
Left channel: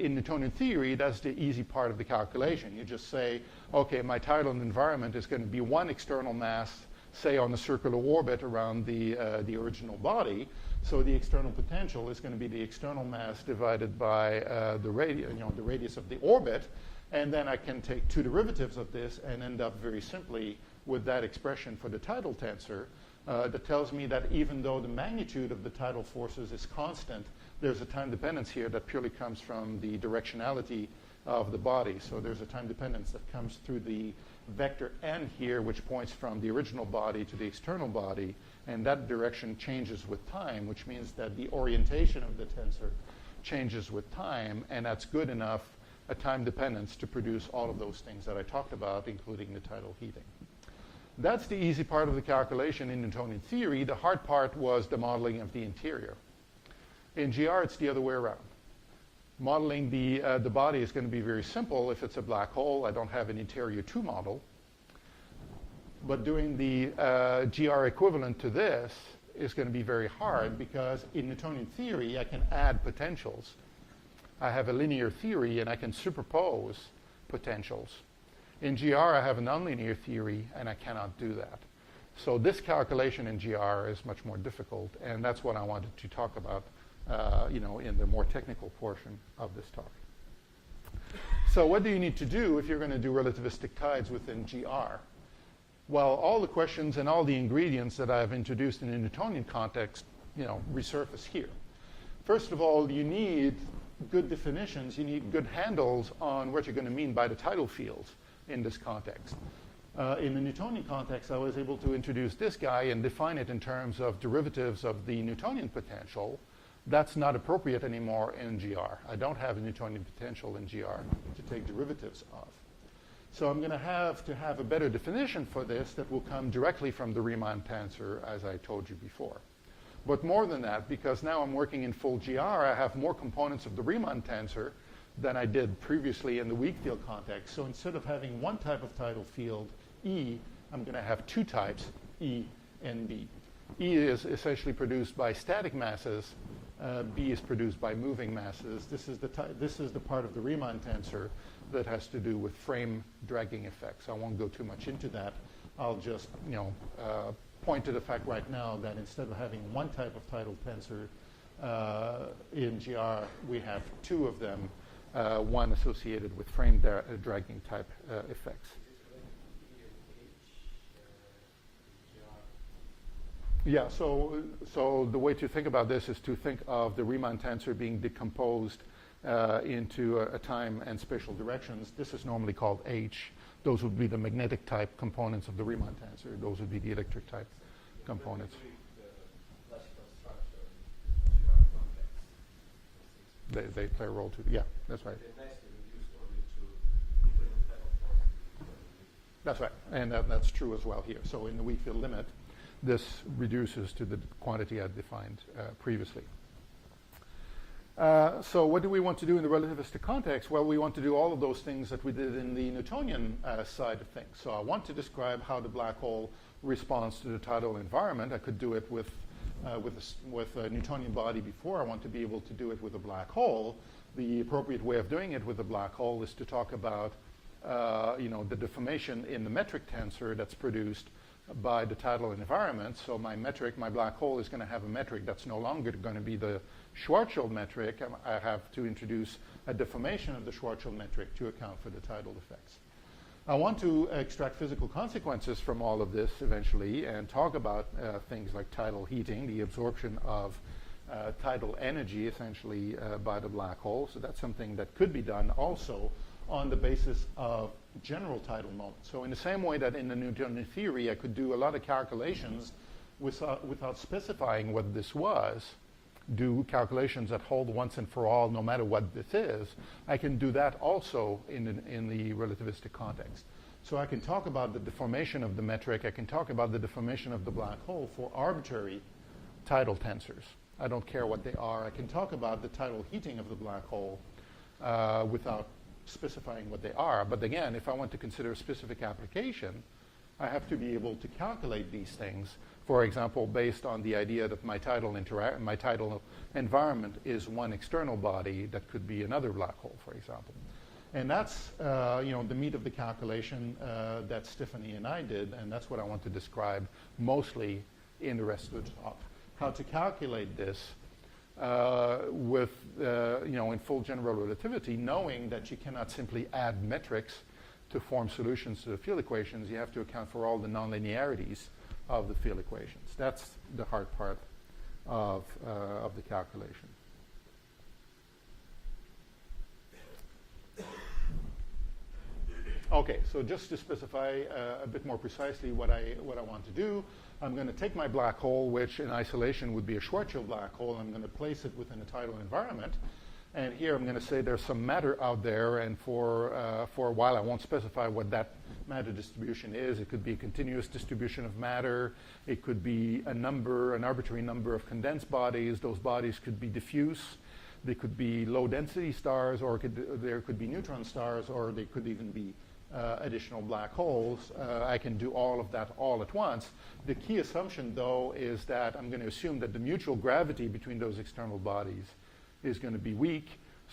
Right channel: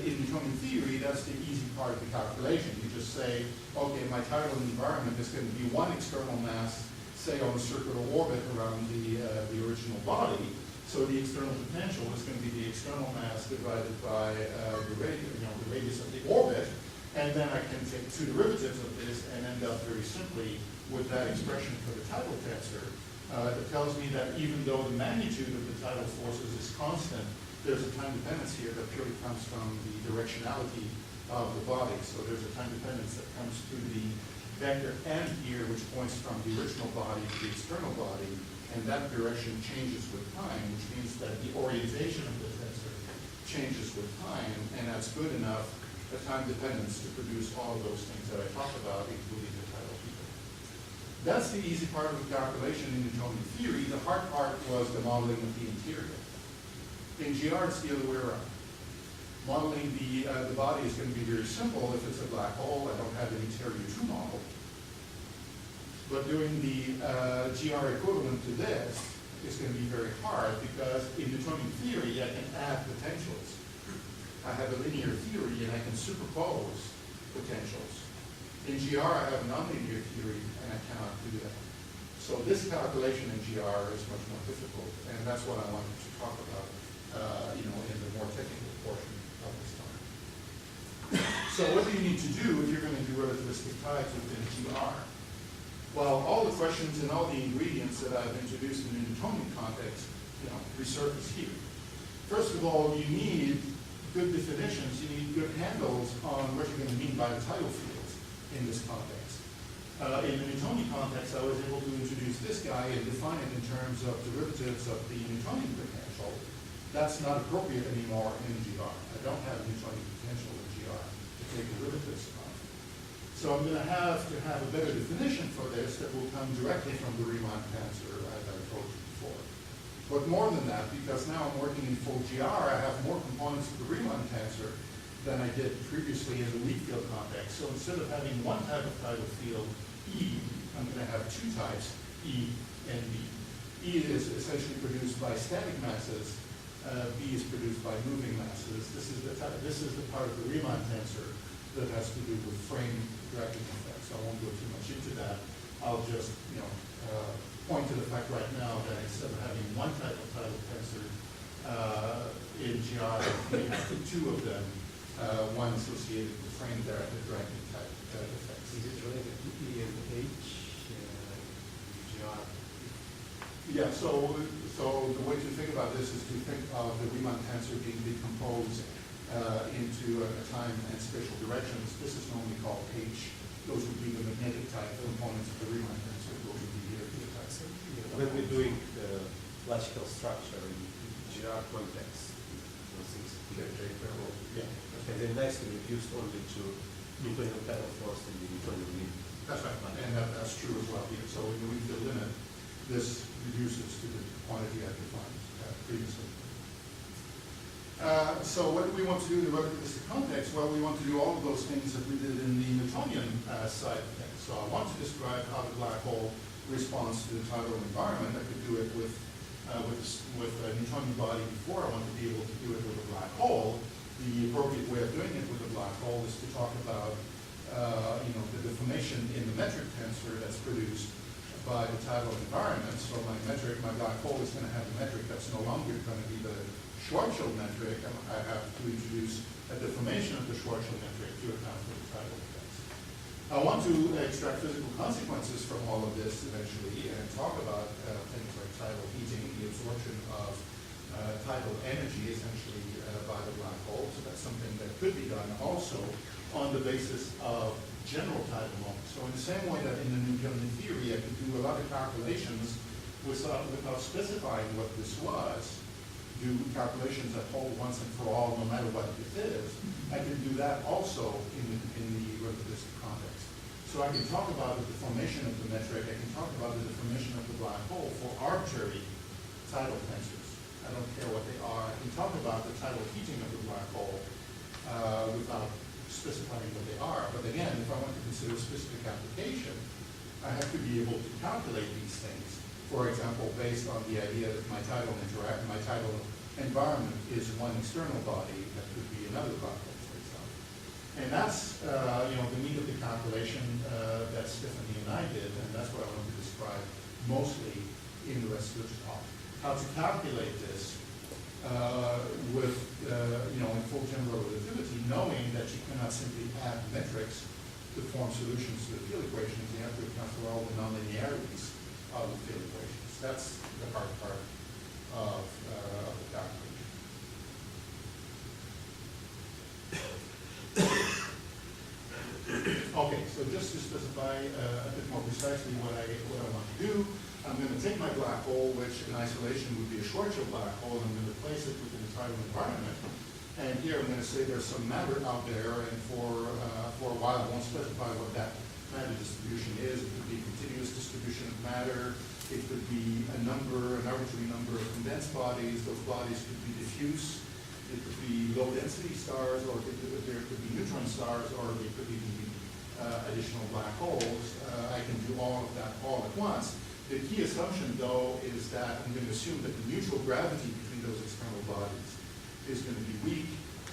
in Newtonian theory, that's the easy part of the calculation. You just say, okay, my tidal environment is going to be one external mass, say on the circular orbit around the original body. So the external potential is going to be the external mass divided by the radius of the orbit. And then I can take two derivatives of this and end up very simply with that expression for the tidal tensor that tells me that even though the magnitude of the tidal forces is constant, there's a time dependence here that purely comes from the directionality of the body. So there's a time dependence that comes through the vector n here, which points from the original body to the external body, and that direction changes with time, which means that the orientation of the tensor changes with time, and that's good enough a time dependence to produce all of those things that I talked about, including the tidal heating. That's the easy part of the calculation in Newtonian theory. The hard part was the modeling of the interior. In GR, it's the other way around. Modeling the body is going to be very simple. If it's a black hole, I don't have an interior to model. But doing the GR equivalent to this is going to be very hard because in Newtonian theory, I can add potentials. I have a linear theory and I can superpose potentials. In GR, I have a nonlinear theory and I cannot do that. So this calculation in GR is much more difficult, and that's what I wanted to talk about in the more technical portion of this talk. So what do you need to do if you're going to do relativistic tides within GR? Well, all the questions and all the ingredients that I've introduced in the Newtonian context, resurface here. First of all, you need good definitions. You need good handles on what you're going to mean by the tidal fields in this context. In the Newtonian context, I was able to introduce this guy and define it in terms of derivatives of the Newtonian potential. That's not appropriate anymore in GR. I don't have a Newtonian potential in GR to take derivatives of. So I'm going to have a better definition for this that will come directly from the Riemann tensor, as I told you before. But more than that, because now I'm working in full GR, I have more components of the Riemann tensor than I did previously in the weak field context. So instead of having one type of tidal field, E, I'm going to have two types, E and B. E is essentially produced by static masses. B is produced by moving masses. This is the part of the Riemann tensor that has to do with frame dragging effects. I won't go too much into that. I'll just point to the fact right now that instead of having one type of tidal tensor in GR, we have two of them, one associated with frame dragging type effects. Is it related to E and H? GR? Yeah, so the way to think about this is to think of the Riemann tensor being decomposed into a time and spatial directions. This is normally called H. Those would be the magnetic type components of the Riemann tensor. Those would be the electric type When we're components. doing the classical structure in GR context, those things, They play a role too. Yeah, that's and right. then nicely reduced only to Newtonian tidal force and the Newtonian limit. That's right, and that's true as well here. So in the weak field limit, this reduces to the quantity I've defined previously. So what do we want to do in the relativistic context? Well, we want to do all of those things that we did in the Newtonian side of things. So I want to describe how the black hole responds to the tidal environment. I could do it with a Newtonian body before. I want to be able to do it with a black hole. The appropriate way of doing it with a black hole is to talk about the deformation in the metric tensor that's produced by the tidal environment. So my black hole is going to have a metric that's no longer going to be the Schwarzschild metric, and I have to introduce a deformation of the Schwarzschild metric to account for the tidal effects. I want to extract physical consequences from all of this eventually and talk about things like tidal heating, the absorption of tidal energy essentially by the black hole. So that's something that could be done also on the basis of general tidal moments. So in the same way that in the Newtonian theory I could do a lot of calculations without specifying what this was, do calculations that hold once and for all no matter what this is, I can do that also in the relativistic context. So I can talk about the deformation of the metric, I can talk about the deformation of the black hole for arbitrary tidal tensors. I don't care what they are. I can talk about the tidal heating of the black hole without specifying what they are. But again, if I want to consider a specific application, I have to be able to calculate these things. For example, based on the idea that my tidal environment is one external body that could be another black hole, for example. And that's the meat of the calculation that Stephanie and I did, and that's what I want to describe mostly in the rest of the talk. How to calculate this in full general relativity, knowing that you cannot simply add metrics to form solutions to the field equations. You have to account for all the nonlinearities of the field equations. That's the hard part of the calculation. Okay, so just to specify a bit more precisely what I want to do, I'm going to take my black hole, which in isolation would be a Schwarzschild black hole, and I'm going to place it within the tidal environment. And here I'm going to say there's some matter out there, and for a while I won't specify what that matter distribution is. It could be a continuous distribution of matter. It could be an arbitrary number of condensed bodies. Those bodies could be diffuse. They could be low density stars, or there could be neutron stars, or they could even be additional black holes. I can do all of that all at once. The key assumption, though, is that I'm going to assume that the mutual gravity between those external bodies is going to be weak,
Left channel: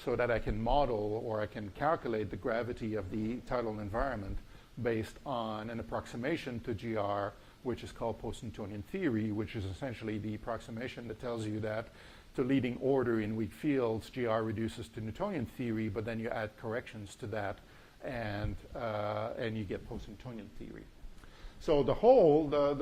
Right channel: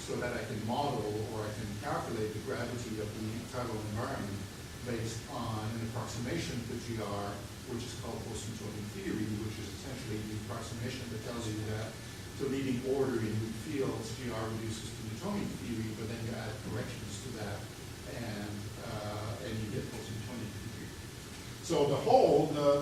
so that I can model or I can calculate the gravity of the tidal environment based on an approximation to GR, which is called post-Newtonian theory, which is essentially the approximation that tells you that the leading order in weak fields, GR reduces to Newtonian theory, but then you add corrections to that, and you get post-Newtonian theory. So the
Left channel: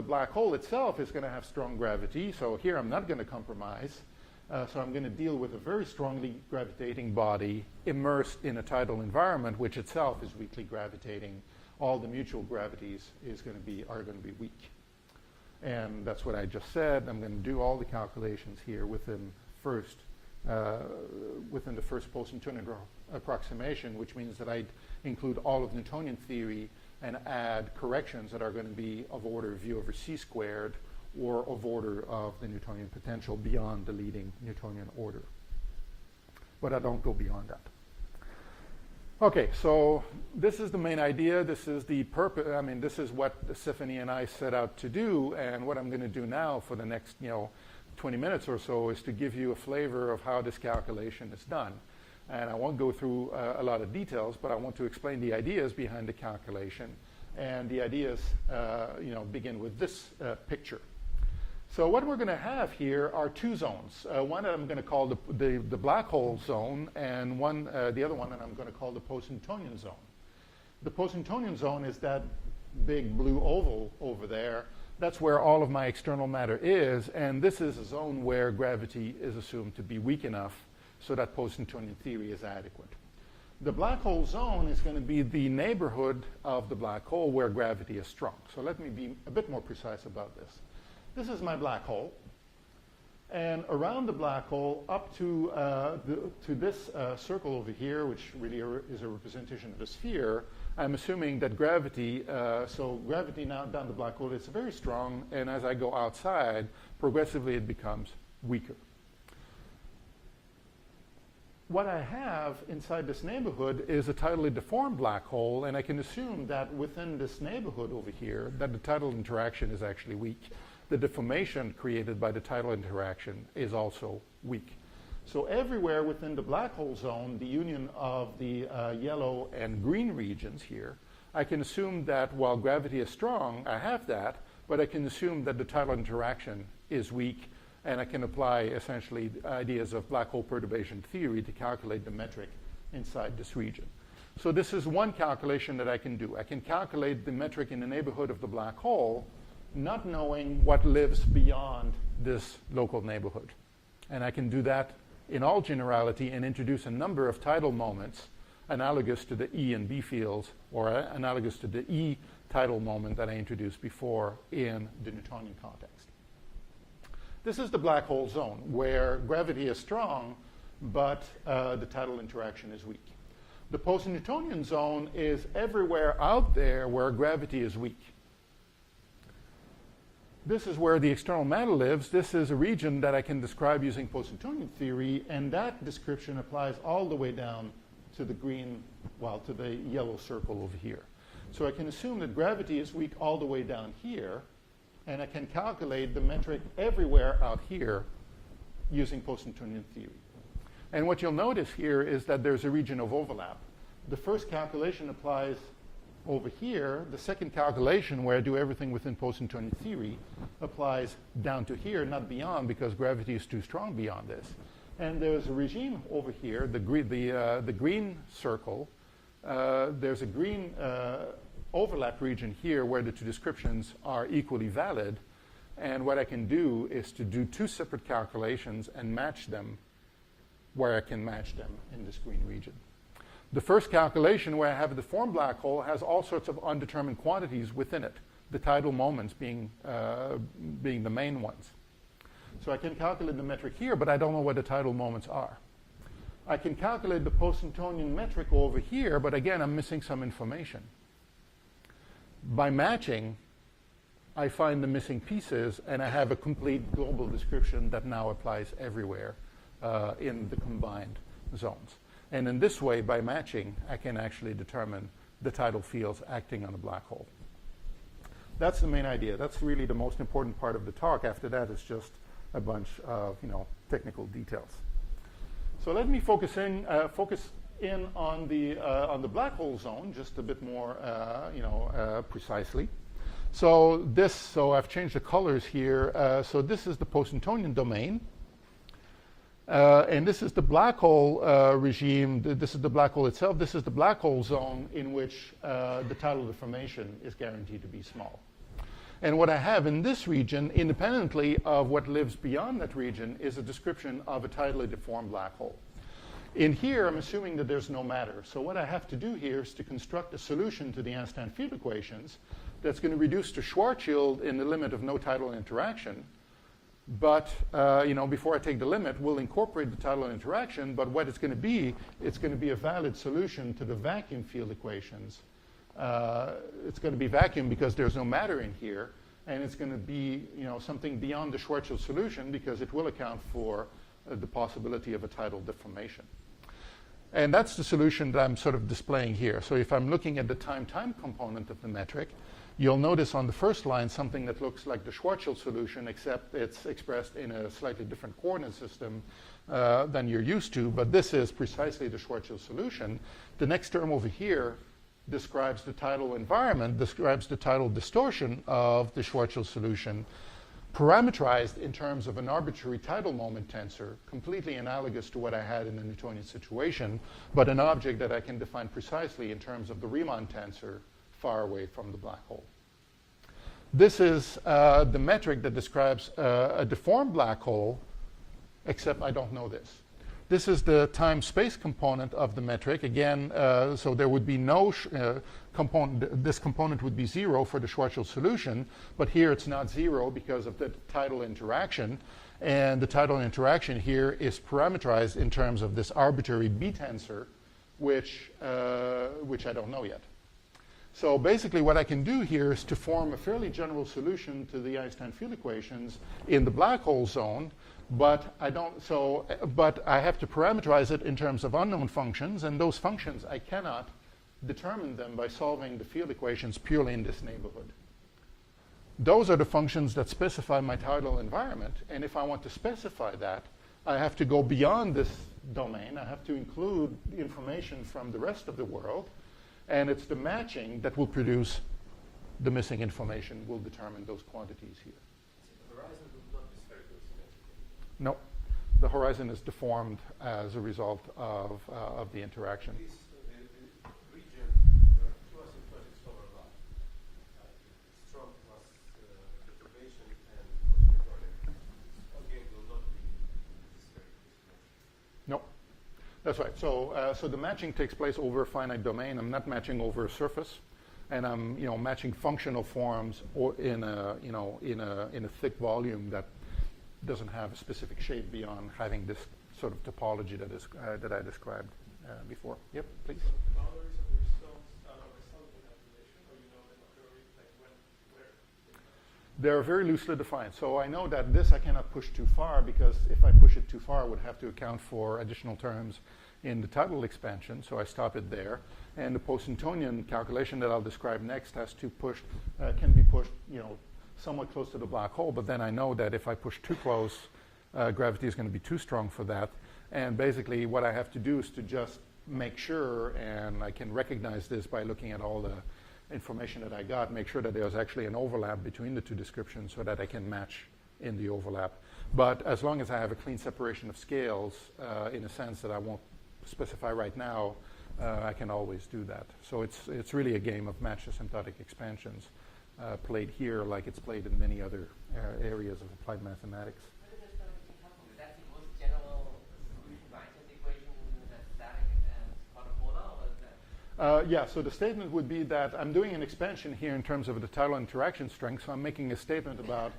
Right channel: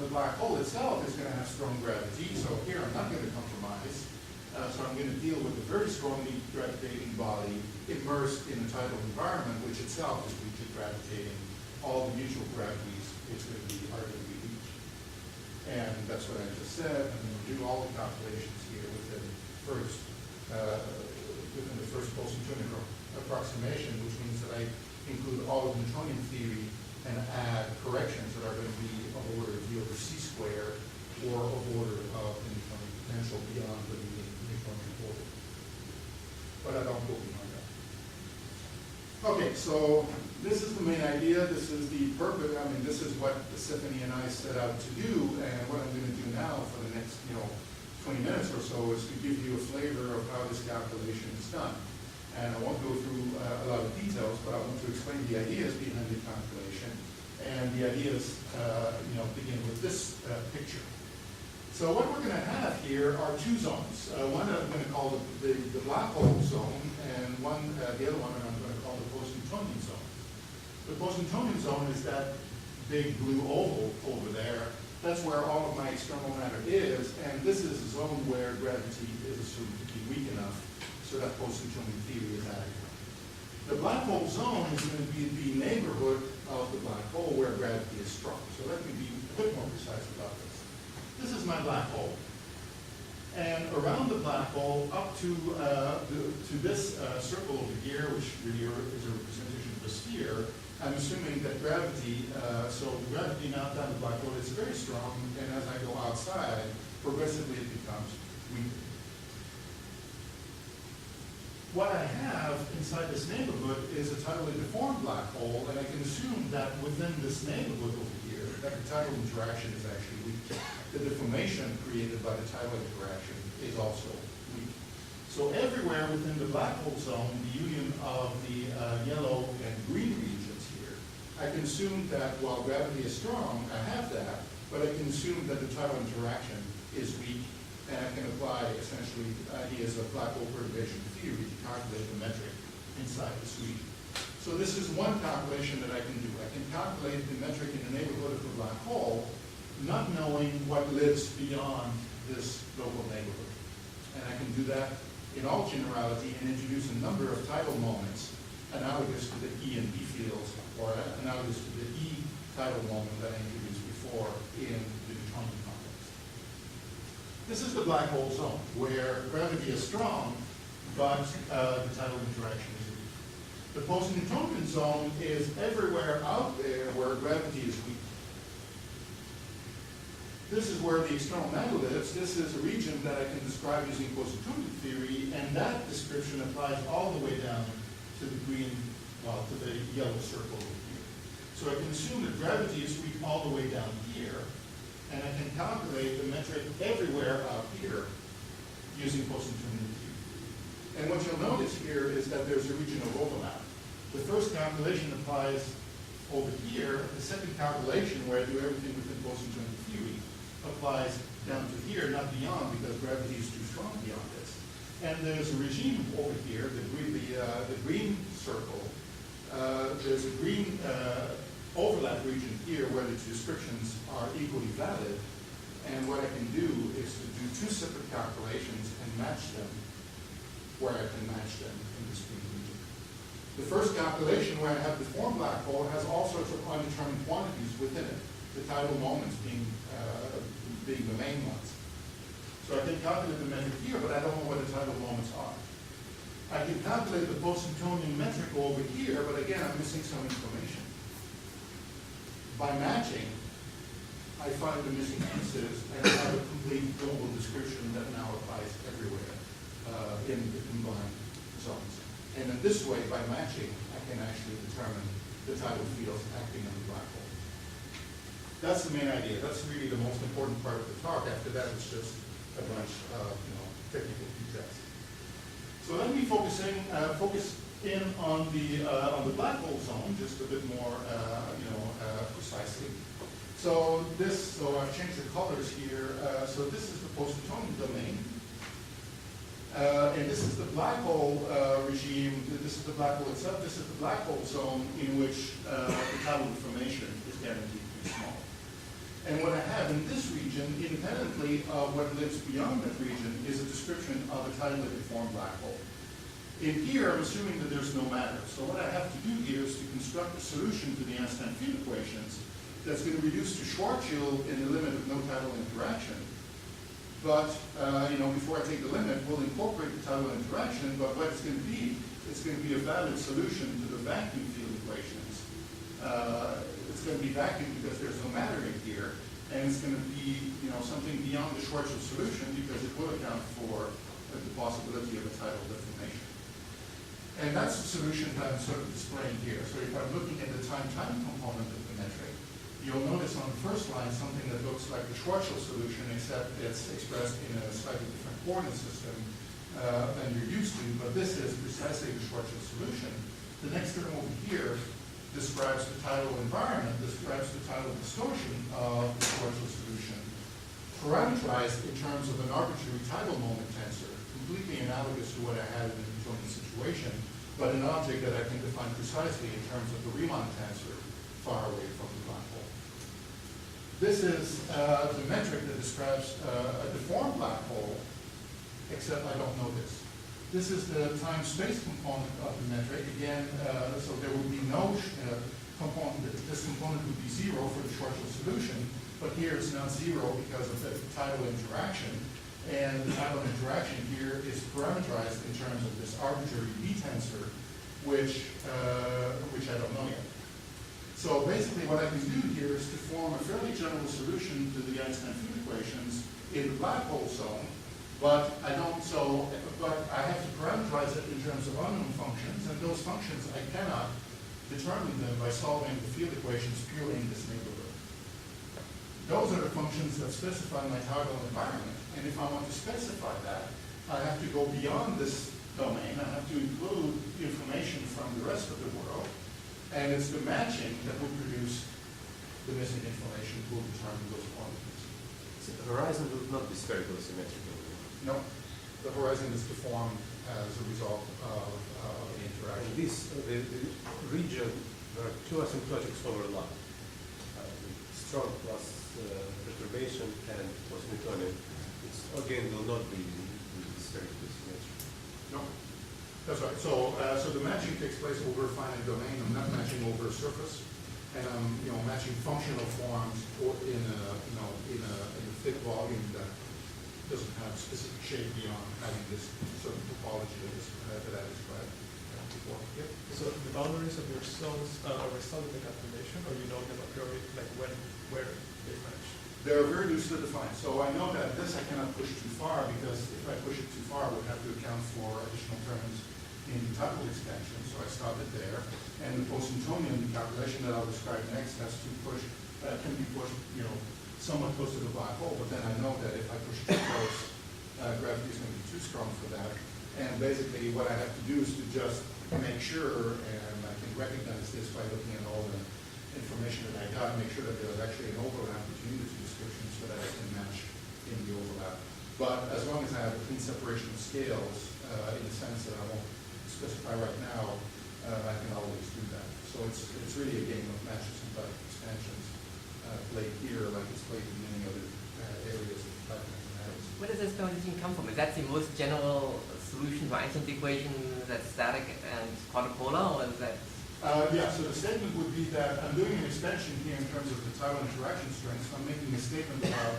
black hole itself is going to have strong gravity. So here I'm not going to compromise. So I'm going to deal with a very strongly gravitating body immersed in a tidal environment, which itself is weakly gravitating. All the mutual gravities is going to be arguably weak. And that's what I just said. I'm going to do all the calculations here within the first post-Newtonian approximation, which means that I include all of Newtonian theory, and add corrections that are going to be of order v over c squared, or of order of the Newtonian potential beyond the leading Newtonian order. But I don't go beyond that. Okay, so this is the main idea. This is the purpose. I mean, this is what Stephanie and I set out to do. And what I'm going to do now for the next, 20 minutes or so is to give you a flavor of how this calculation is done. And I won't go through a lot of details, but I want to explain the ideas behind the calculation. And the ideas, begin with this picture. So what we're going to have here are two zones. One that I'm going to call the black hole zone, and the other one that I'm going to call the post-Newtonian zone. The post-Newtonian zone is that big blue oval over there. That's where all of my external matter is, and this is a zone where gravity is assumed to be weak enough so that post-Newtonian theory is adequate. The black hole zone is going to be the neighborhood of the black hole where gravity is strong. So let me be a bit more precise about this. This is my black hole, and around the black hole up to this circle over here, which really is a representation of the sphere, I'm assuming that gravity, so gravity now down the black hole is very strong, and as I go outside, progressively it becomes weaker. What I have inside this neighborhood is a tidally deformed black hole, and I can assume that within this neighborhood over here, that the tidal interaction is actually weak. The deformation created by the tidal interaction is also weak. So everywhere within the black hole zone, the union of the yellow and green regions here, I can assume that while gravity is strong, I have that, but I can assume that the tidal interaction is weak, and I can apply essentially ideas of black hole perturbation theory to calculate the metric inside this region. So this is one calculation that I can do. I can calculate the metric in the neighborhood of the black hole, not knowing what lives beyond this local neighborhood. And I can do that in all generality and introduce a number of tidal moments analogous to the E and B fields, or analogous to the E tidal moment that I introduced before in the Newtonian context. This is the black hole zone, where gravity is strong, but the tidal interaction is weak. The post-Newtonian zone is everywhere out there where gravity is weak. This is where the external matter lives. This is a region that I can describe using post-Newtonian theory, and that description applies all the way down to the green, well, to the yellow circle over here. So I can assume that gravity is weak all the way down here, and I can calculate the metric everywhere out here using post-Newtonian theory. And what you'll notice here is that there's a region of overlap. The first calculation applies over here. The second calculation, where I do everything within post-Newtonian theory, applies down to here, not beyond, because gravity is too strong beyond this. And there's a regime over here, the green circle. There's a green overlap region here where the two descriptions are equally valid. And what I can do is to do two separate calculations and match them where I can match them in this green region. The first calculation, where I have the deformed black hole, has all sorts of undetermined quantities within it, the tidal moments being the main ones. So I can calculate the metric here, but I don't know what the tidal moments are. I can calculate the post-Newtonian metric over here, but again, I'm missing some information. By matching, I find the missing pieces, and I have a complete global description that now applies everywhere in the combined zones. And in this way, by matching, I can actually determine the tidal fields acting on the black hole. That's the main idea. That's really the most important part of the talk. After that, it's just a bunch of technical details. So let me focus in on the black hole zone just a bit more precisely. So I've changed the colors here. So this is the post-Newtonian domain. And this is the black hole regime. This is the black hole itself. This is the black hole zone in which the tidal information is guaranteed to be small. And what I have in this region, independently of what lives beyond that region, is a description of a tidally deformed black hole. In here, I'm assuming that there's no matter. So what I have to do here is to construct a solution to the Einstein field equations that's going to reduce to Schwarzschild in the limit of no tidal interaction. But before I take the limit, we'll incorporate the tidal interaction, but what it's going to be it's going to be a valid solution to the vacuum field equations. It's going to be vacuum because there's no matter in here, and it's going to be, something beyond the Schwarzschild solution because it will account for the possibility of a tidal deformation. And that's the solution that I'm sort of displaying here. So if I'm looking at the time-time component of the metric, you'll notice on the first line something that looks like the Schwarzschild solution, except it's expressed in a slightly different coordinate system than you're used to, but this is precisely the Schwarzschild solution. The next term over here describes the tidal environment, describes the tidal distortion of the Schwarzschild solution, parameterized in terms of an arbitrary tidal moment tensor, completely analogous to what I had in the Newtonian situation, but an object that I can define precisely in terms of the Riemann tensor far away from the black hole. This is the metric that describes a deformed black hole, except I don't know this. This is the time-space component of the metric. Again, so there would be no component, this component would be 0 for the Schwarzschild solution, but here it's not 0 because of the tidal interaction. And the tidal interaction here is parameterized in terms of this arbitrary B tensor, which I don't know yet. So basically what I can do here is to form a fairly general solution to the Einstein field equations in the black hole zone, but I have to parameterize it in terms of unknown functions, and those functions I cannot determine them by solving the field equations purely in this neighborhood. Those are the functions that specify my tidal environment, and if I want to specify that, I have to go beyond this domain. I have to include information from the rest of the world, and it's the matching that will produce the missing information, will determine those quantities. So the horizon will not be spherical symmetrical. No, the horizon is deformed as a result of the interaction. And this, the region, there are two asymptotics overlap. Strong plus perturbation and post-Newtonian. It's again will not be spherical symmetrical. No, that's right. So the matching takes place over a finite domain. I'm not matching over a surface, and I'm matching functional forms or in a thick volume that doesn't have a specific shape beyond having this sort of topology that I described before. Yep. So the boundaries of your cells are solid the calculation, or you know them a priori, like where they match? They're very loosely defined. So I know that this I cannot push too far because if I push it too far, I would have to account for additional terms in the tidal expansion. So I stop it there. And the post-Newtonian calculation that I'll describe next has to push, can be pushed, somewhat close to the black hole, but then I know that if I push too close, gravity is going to be too strong for that. And basically what I have to do is to just make sure, and I can recognize this by looking at all the information that I got, make sure that there's actually an overlap between the two descriptions so that I can match in the overlap. But as long as I have a clean separation of scales, in the sense that I won't specify right now, I can always do that. So it's really a game of matched asymptotic expansions. Played here like it's played in many other areas of applied mathematics. Where does this boundary come from? Is that the most general solution to Einstein's equation that's static and quadrupolar, or is that? Yeah, so the statement would be that I'm doing an expansion here in terms of the tidal interaction strength. So I'm making a statement about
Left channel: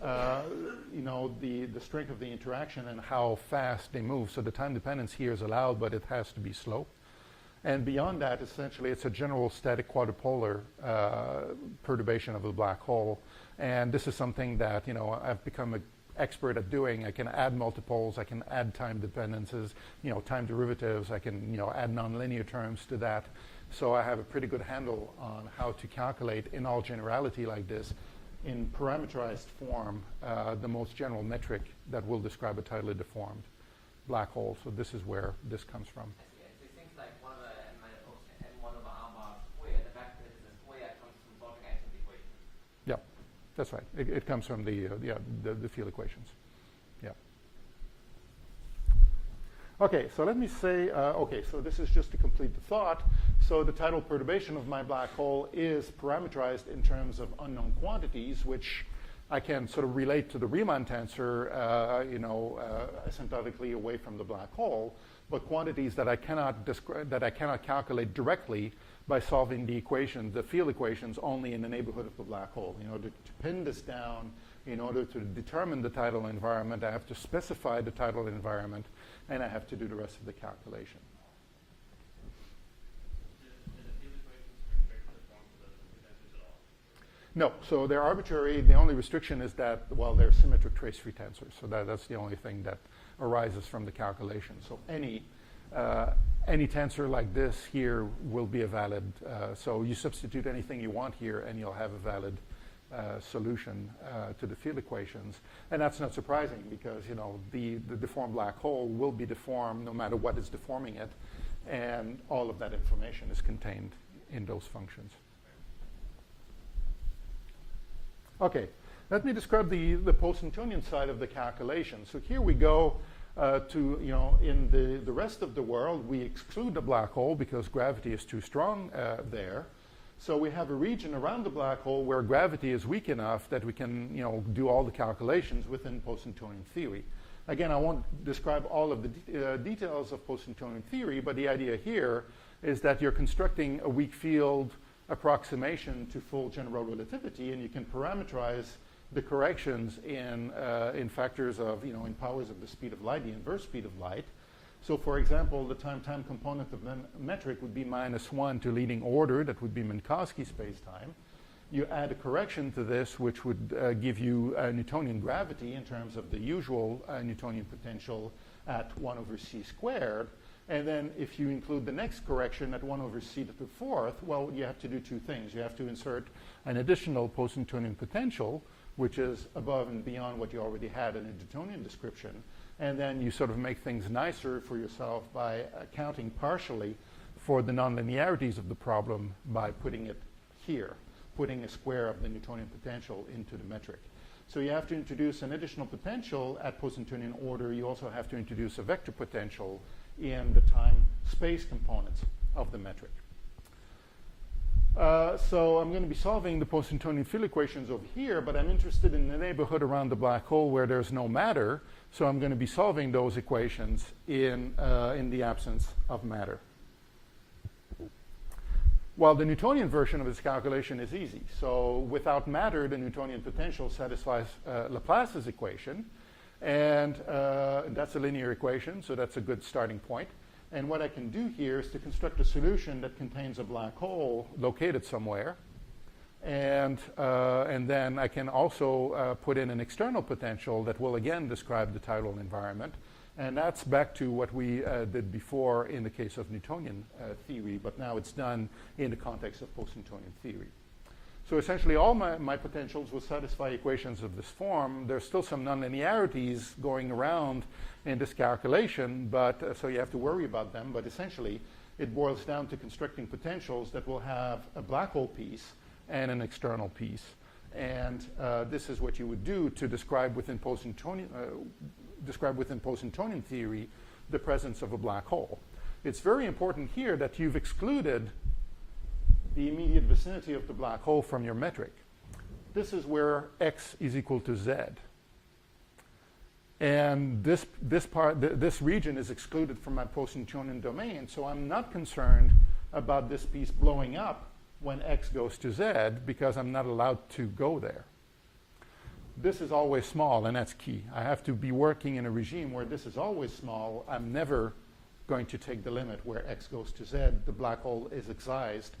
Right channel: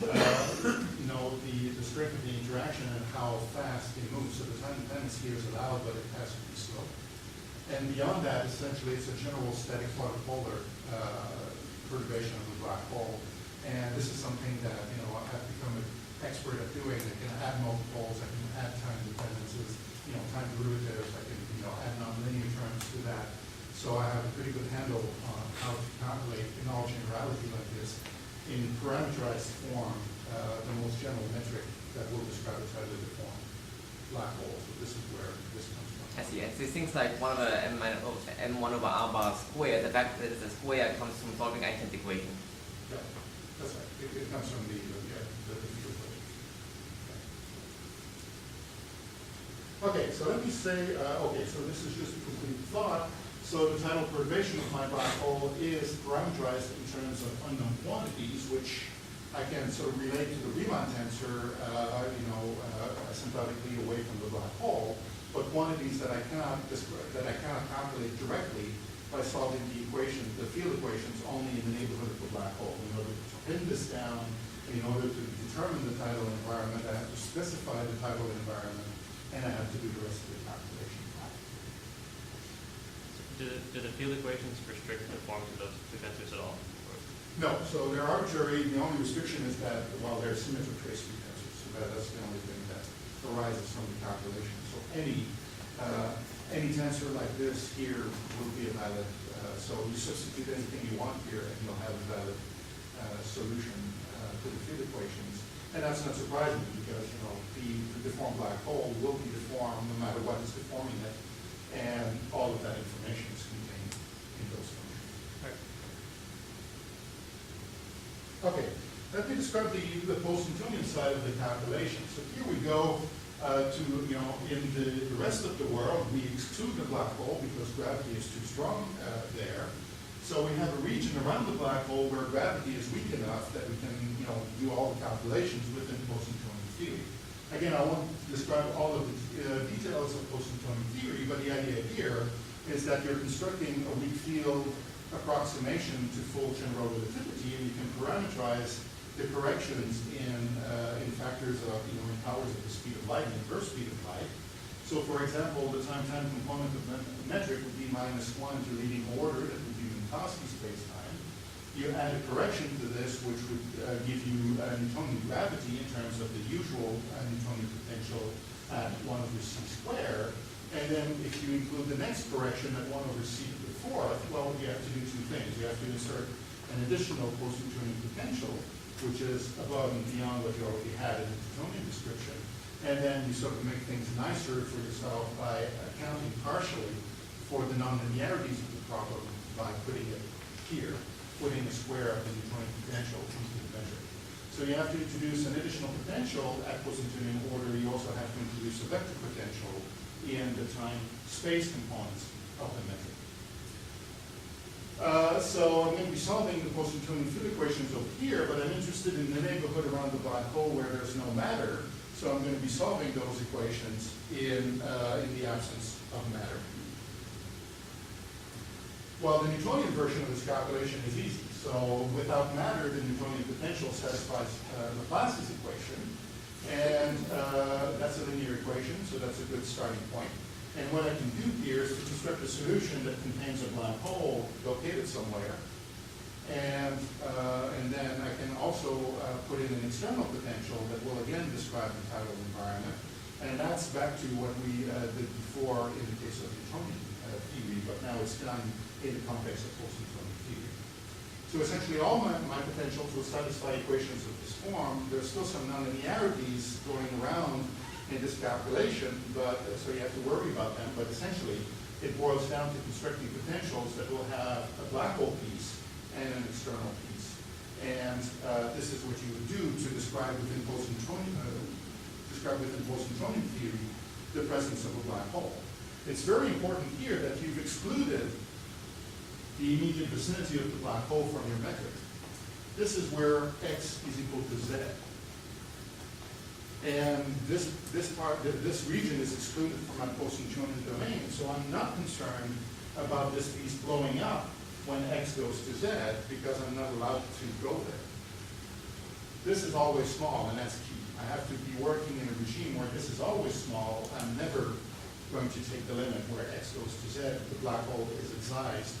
the strength of the interaction and how fast they move. So the time dependence here is allowed, but it has to be slow. And beyond that, essentially, it's a general static quadrupolar perturbation of the black hole. And this is something that I've become an expert at doing. I can add multiples, I can add time dependences, time derivatives, I can add nonlinear terms to that. So I have a pretty good handle on how to calculate in all generality like this in parameterized form the most general metric that will describe a tidally deformed black hole. So this is where this comes from. I see. And so things like 1 over m1 over r bar squared, the fact that it's a square comes from solving Einstein's equation. Yeah, that's right. It comes from the field equations. Yeah. Okay, so let me say, so this is just a complete thought. So the tidal perturbation of my black hole is parameterized in terms of unknown quantities, which I can sort of relate to the Riemann tensor, asymptotically away from the black hole, but quantities that I cannot calculate directly by solving the field equations only in the neighborhood of the black hole. In order to pin this down, in order to determine the tidal environment, I have to specify the tidal environment, and I have to do the rest of the calculation. do the field equations restrict the forms of those two tensors at all? Or? No, so they're arbitrary. The only restriction is that, well, they're symmetric trace-free tensors. So that's the only thing that arises from the calculation. So any tensor like this here will be a valid, so you substitute anything you want here and you'll have a valid solution to the field equations. And that's not surprising because, you know, the deformed black hole will be deformed no matter what is deforming it, and all of that information is contained in those functions. Okay, let me describe the post-Newtonian side of the calculation. So here we go to, you know, in the rest of the world, we exclude the black hole because gravity is too strong there. So we have a region around the black hole where gravity is weak enough that we can, you know, do all the calculations within post-Newtonian theory. Again, I won't describe all of the details of post-Newtonian theory, but the idea here is that you're constructing a weak field approximation to full general relativity, and you can parameterize the corrections in factors of, you know, in powers of the speed of light, the inverse speed of light. So for example, the time-time component of the metric would be -1 to leading order, that would be Minkowski spacetime. You add a correction to this, which would give you Newtonian gravity in terms of the usual Newtonian potential at 1/c squared. And then if you include the next correction at 1/c⁴, well, you have to do two things. You have to insert an additional post-Newtonian potential, which is above and beyond what you already had in the Newtonian description. And then you sort of make things nicer for yourself by accounting partially for the nonlinearities of the problem by putting it here, putting a square of the Newtonian potential into the metric. So you have to introduce an additional potential at post-Newtonian order. You also have to introduce a vector potential in the time-space components of the metric. So I'm going to be solving the post-Newtonian field equations over here, but I'm interested in the neighborhood around the black hole where there's no matter. So I'm going to be solving those equations in the absence of matter. Well, the Newtonian version of this calculation is easy. So without matter, the Newtonian potential satisfies Laplace's equation. And that's a linear equation, so that's a good starting point. And what I can do here is to construct a solution that contains a black hole located somewhere. And then I can also put in an external potential that will again describe the tidal environment. And that's back to what we did before in the case of Newtonian theory, but now it's done in the context of post-Newtonian theory. So essentially all my potentials will satisfy equations of this form. There's still some nonlinearities going around in this calculation, but so you have to worry about them. But essentially, it boils down to constructing potentials that will have a black hole piece and an external piece. And this is what you would do to describe within post-Newtonian theory the presence of a black hole. It's very important here that you've excluded the immediate vicinity of the black hole from your metric. This is where x is equal to z. And this region is excluded from my post-Newtonian domain, so I'm not concerned about this piece blowing up when x goes to z because I'm not allowed to go there. This is always small, and that's key. I have to be working in a regime where this is always small. I'm never going to take the limit where x goes to z. The black hole is excised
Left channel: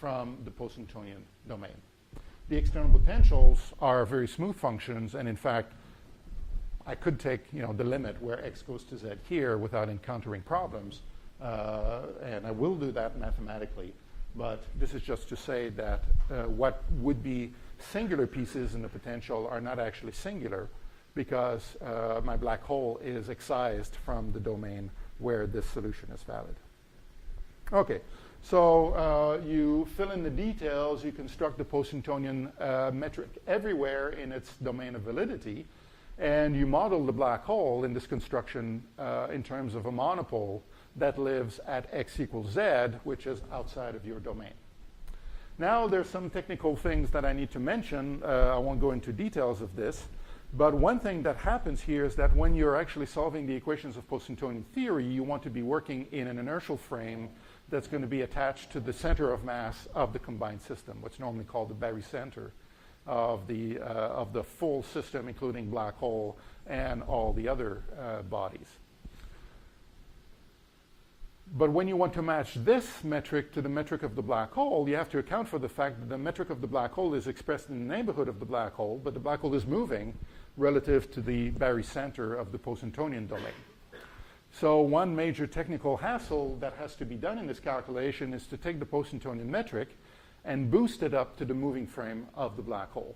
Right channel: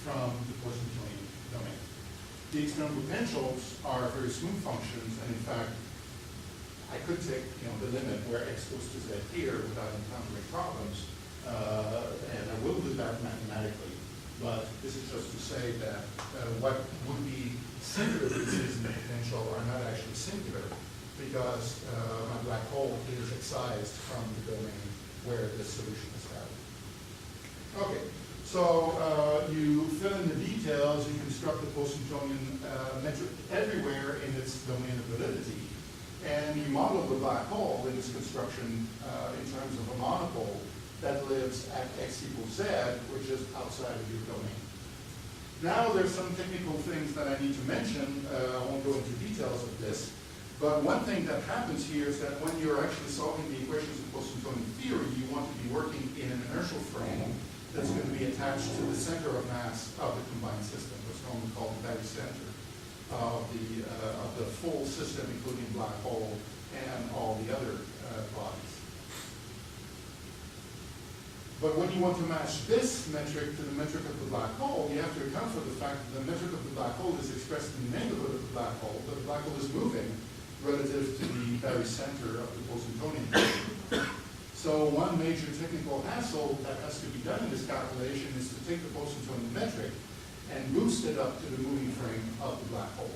from the post-Newtonian domain. The external potentials are very smooth functions, and in fact, I could take, you know, the limit where x goes to z here without encountering problems, and I will do that mathematically. But this is just to say that what would be singular pieces in the potential are not actually singular because my black hole is excised from the domain where this solution is valid. Okay, so you fill in the details, you construct the post-Newtonian metric everywhere in its domain of validity, and you model the black hole in this construction in terms of a monopole that lives at x equals z, which is outside of your domain. Now there's some technical things that I need to mention. I won't go into details of this, but one thing that happens here is that when you're actually solving the equations of post-Newtonian theory, you want to be working in an inertial frame that's going to be attached to the center of mass of the combined system, what's normally called the barycenter of the full system, including black hole and all the other bodies. But when you want to match this metric to the metric of the black hole, you have to account for the fact that the metric of the black hole is expressed in the neighborhood of the black hole, but the black hole is moving relative to the barycenter of the post-Newtonian dimension. So one major technical hassle that has to be done in this calculation is to take the post-Newtonian metric and boost it up to the moving frame of the black hole.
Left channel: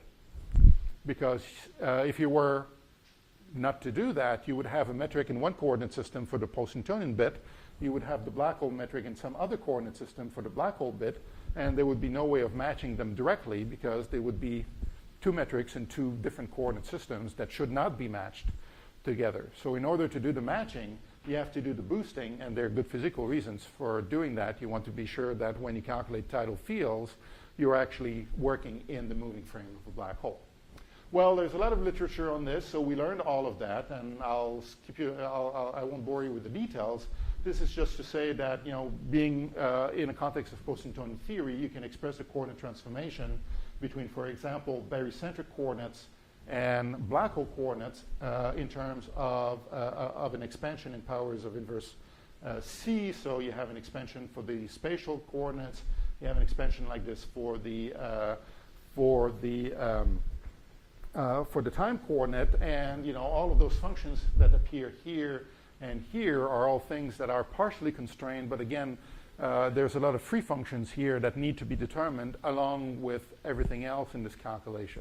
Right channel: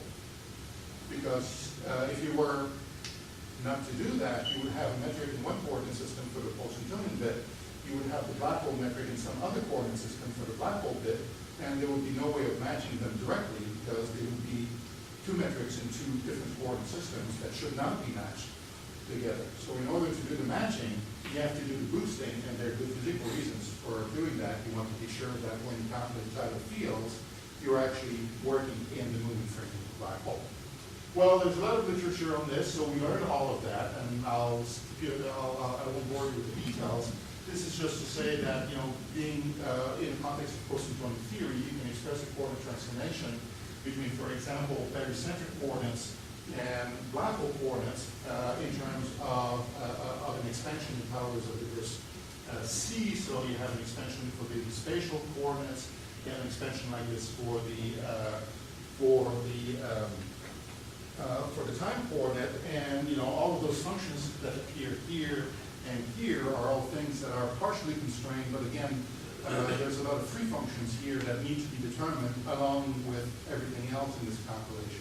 Because if you were not to do that, you would have a metric in one coordinate system for the post-Newtonian bit, you would have the black hole metric in some other coordinate system for the black hole bit, and there would be no way of matching them directly because they would be two metrics in two different coordinate systems that should not be matched together. So in order to do the matching, you have to do the boosting, and there are good physical reasons for doing that. You want to be sure that when you calculate tidal fields, you're actually working in the moving frame of the black hole. Well, there's a lot of literature on this, so we learned all of that, and I won't bore you with the details. This is just to say that, being in a context of post-Newtonian theory, you can express a coordinate transformation between, for example, barycentric coordinates and black hole coordinates in terms of an expansion in powers of inverse c. So you have an expansion for the spatial coordinates. You have an expansion like this for the time coordinate, and all of those functions that appear here and here are all things that are partially constrained, but again, there's a lot of free functions here that need to be determined along with everything else in this calculation.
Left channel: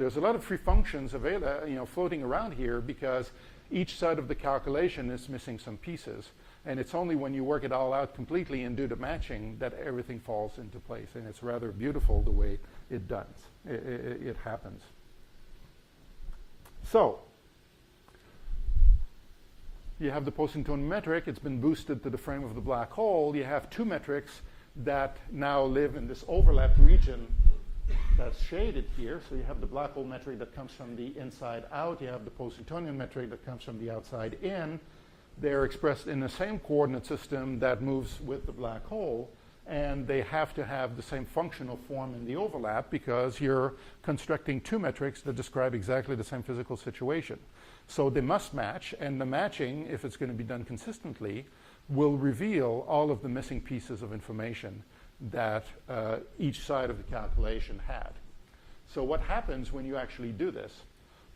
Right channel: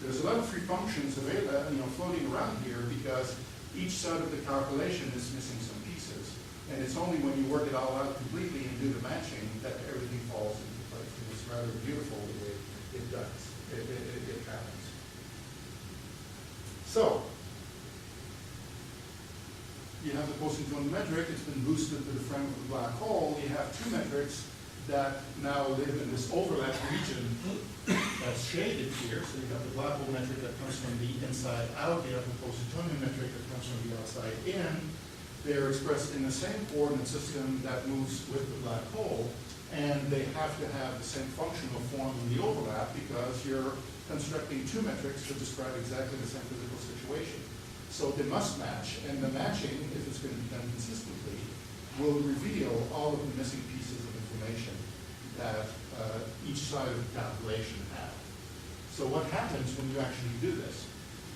There's a lot of free functions available, floating around here because each side of the calculation is missing some pieces. And it's only when you work it all out completely and do the matching that everything falls into place. And it's rather beautiful the way it does. It happens. So, you have the post-Newtonian metric. It's been boosted to the frame of the black hole. You have two metrics that now live in this overlap region that's shaded here. So you have the black hole metric that comes from the inside out. You have the post-Newtonian metric that comes from the outside in. They're expressed in the same coordinate system that moves with the black hole. And they have to have the same functional form in the overlap because you're constructing two metrics to describe exactly the same physical situation. So they must match, and the matching, if it's going to be done consistently, will reveal all of the missing pieces of information that each side of the calculation had. So what happens when you actually do this?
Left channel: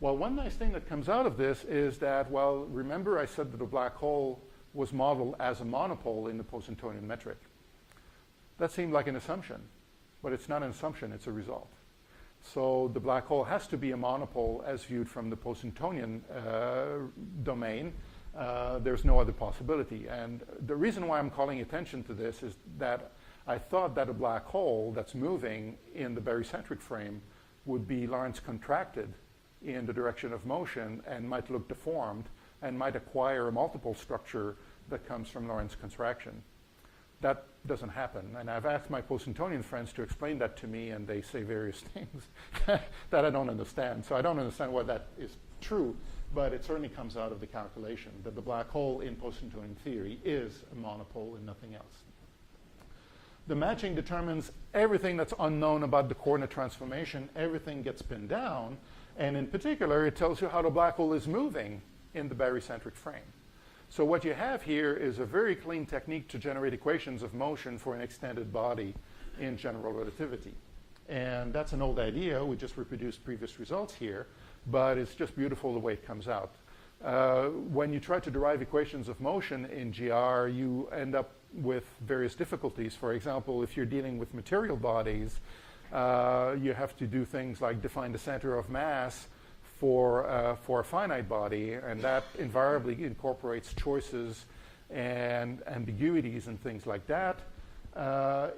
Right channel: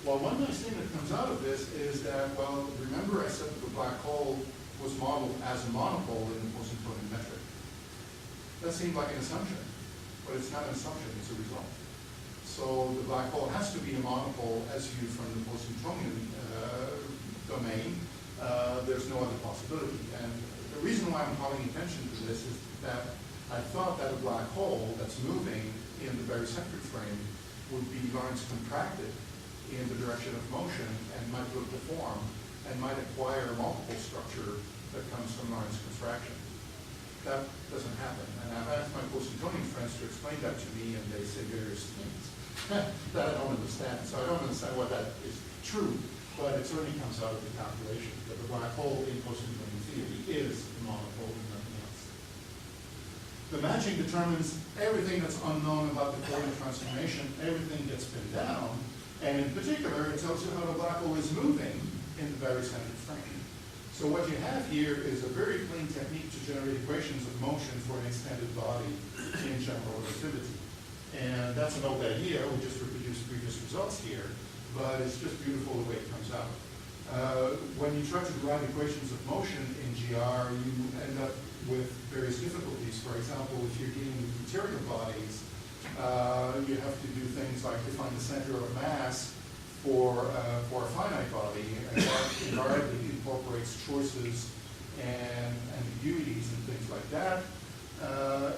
Well, one nice thing that comes out of this is that, well, remember I said that the black hole was modeled as a monopole in the post-Newtonian metric. That seemed like an assumption, but it's not an assumption, it's a result. So the black hole has to be a monopole as viewed from the post-Newtonian domain. There's no other possibility. And the reason why I'm calling attention to this is that I thought that a black hole that's moving in the barycentric frame would be Lorentz contracted in the direction of motion and might look deformed and might acquire a multiple structure that comes from Lorentz contraction. That doesn't happen. And I've asked my post-Newtonian friends to explain that to me, and they say various things that I don't understand. So I don't understand why that is true, but it certainly comes out of the calculation that the black hole in post-Newtonian theory is a monopole and nothing else. The matching determines everything that's unknown about the coordinate transformation. Everything gets pinned down, and in particular, it tells you how the black hole is moving in the barycentric frame. So what you have here is a very clean technique to generate equations of motion for an extended body in general relativity. And that's an old idea. We just reproduced previous results here, but it's just beautiful the way it comes out. When you try to derive equations of motion in GR, you end up with various difficulties. For example, if you're dealing with material bodies, you have to do things like define the center of mass for a finite body, and that invariably incorporates choices and ambiguities and things like that.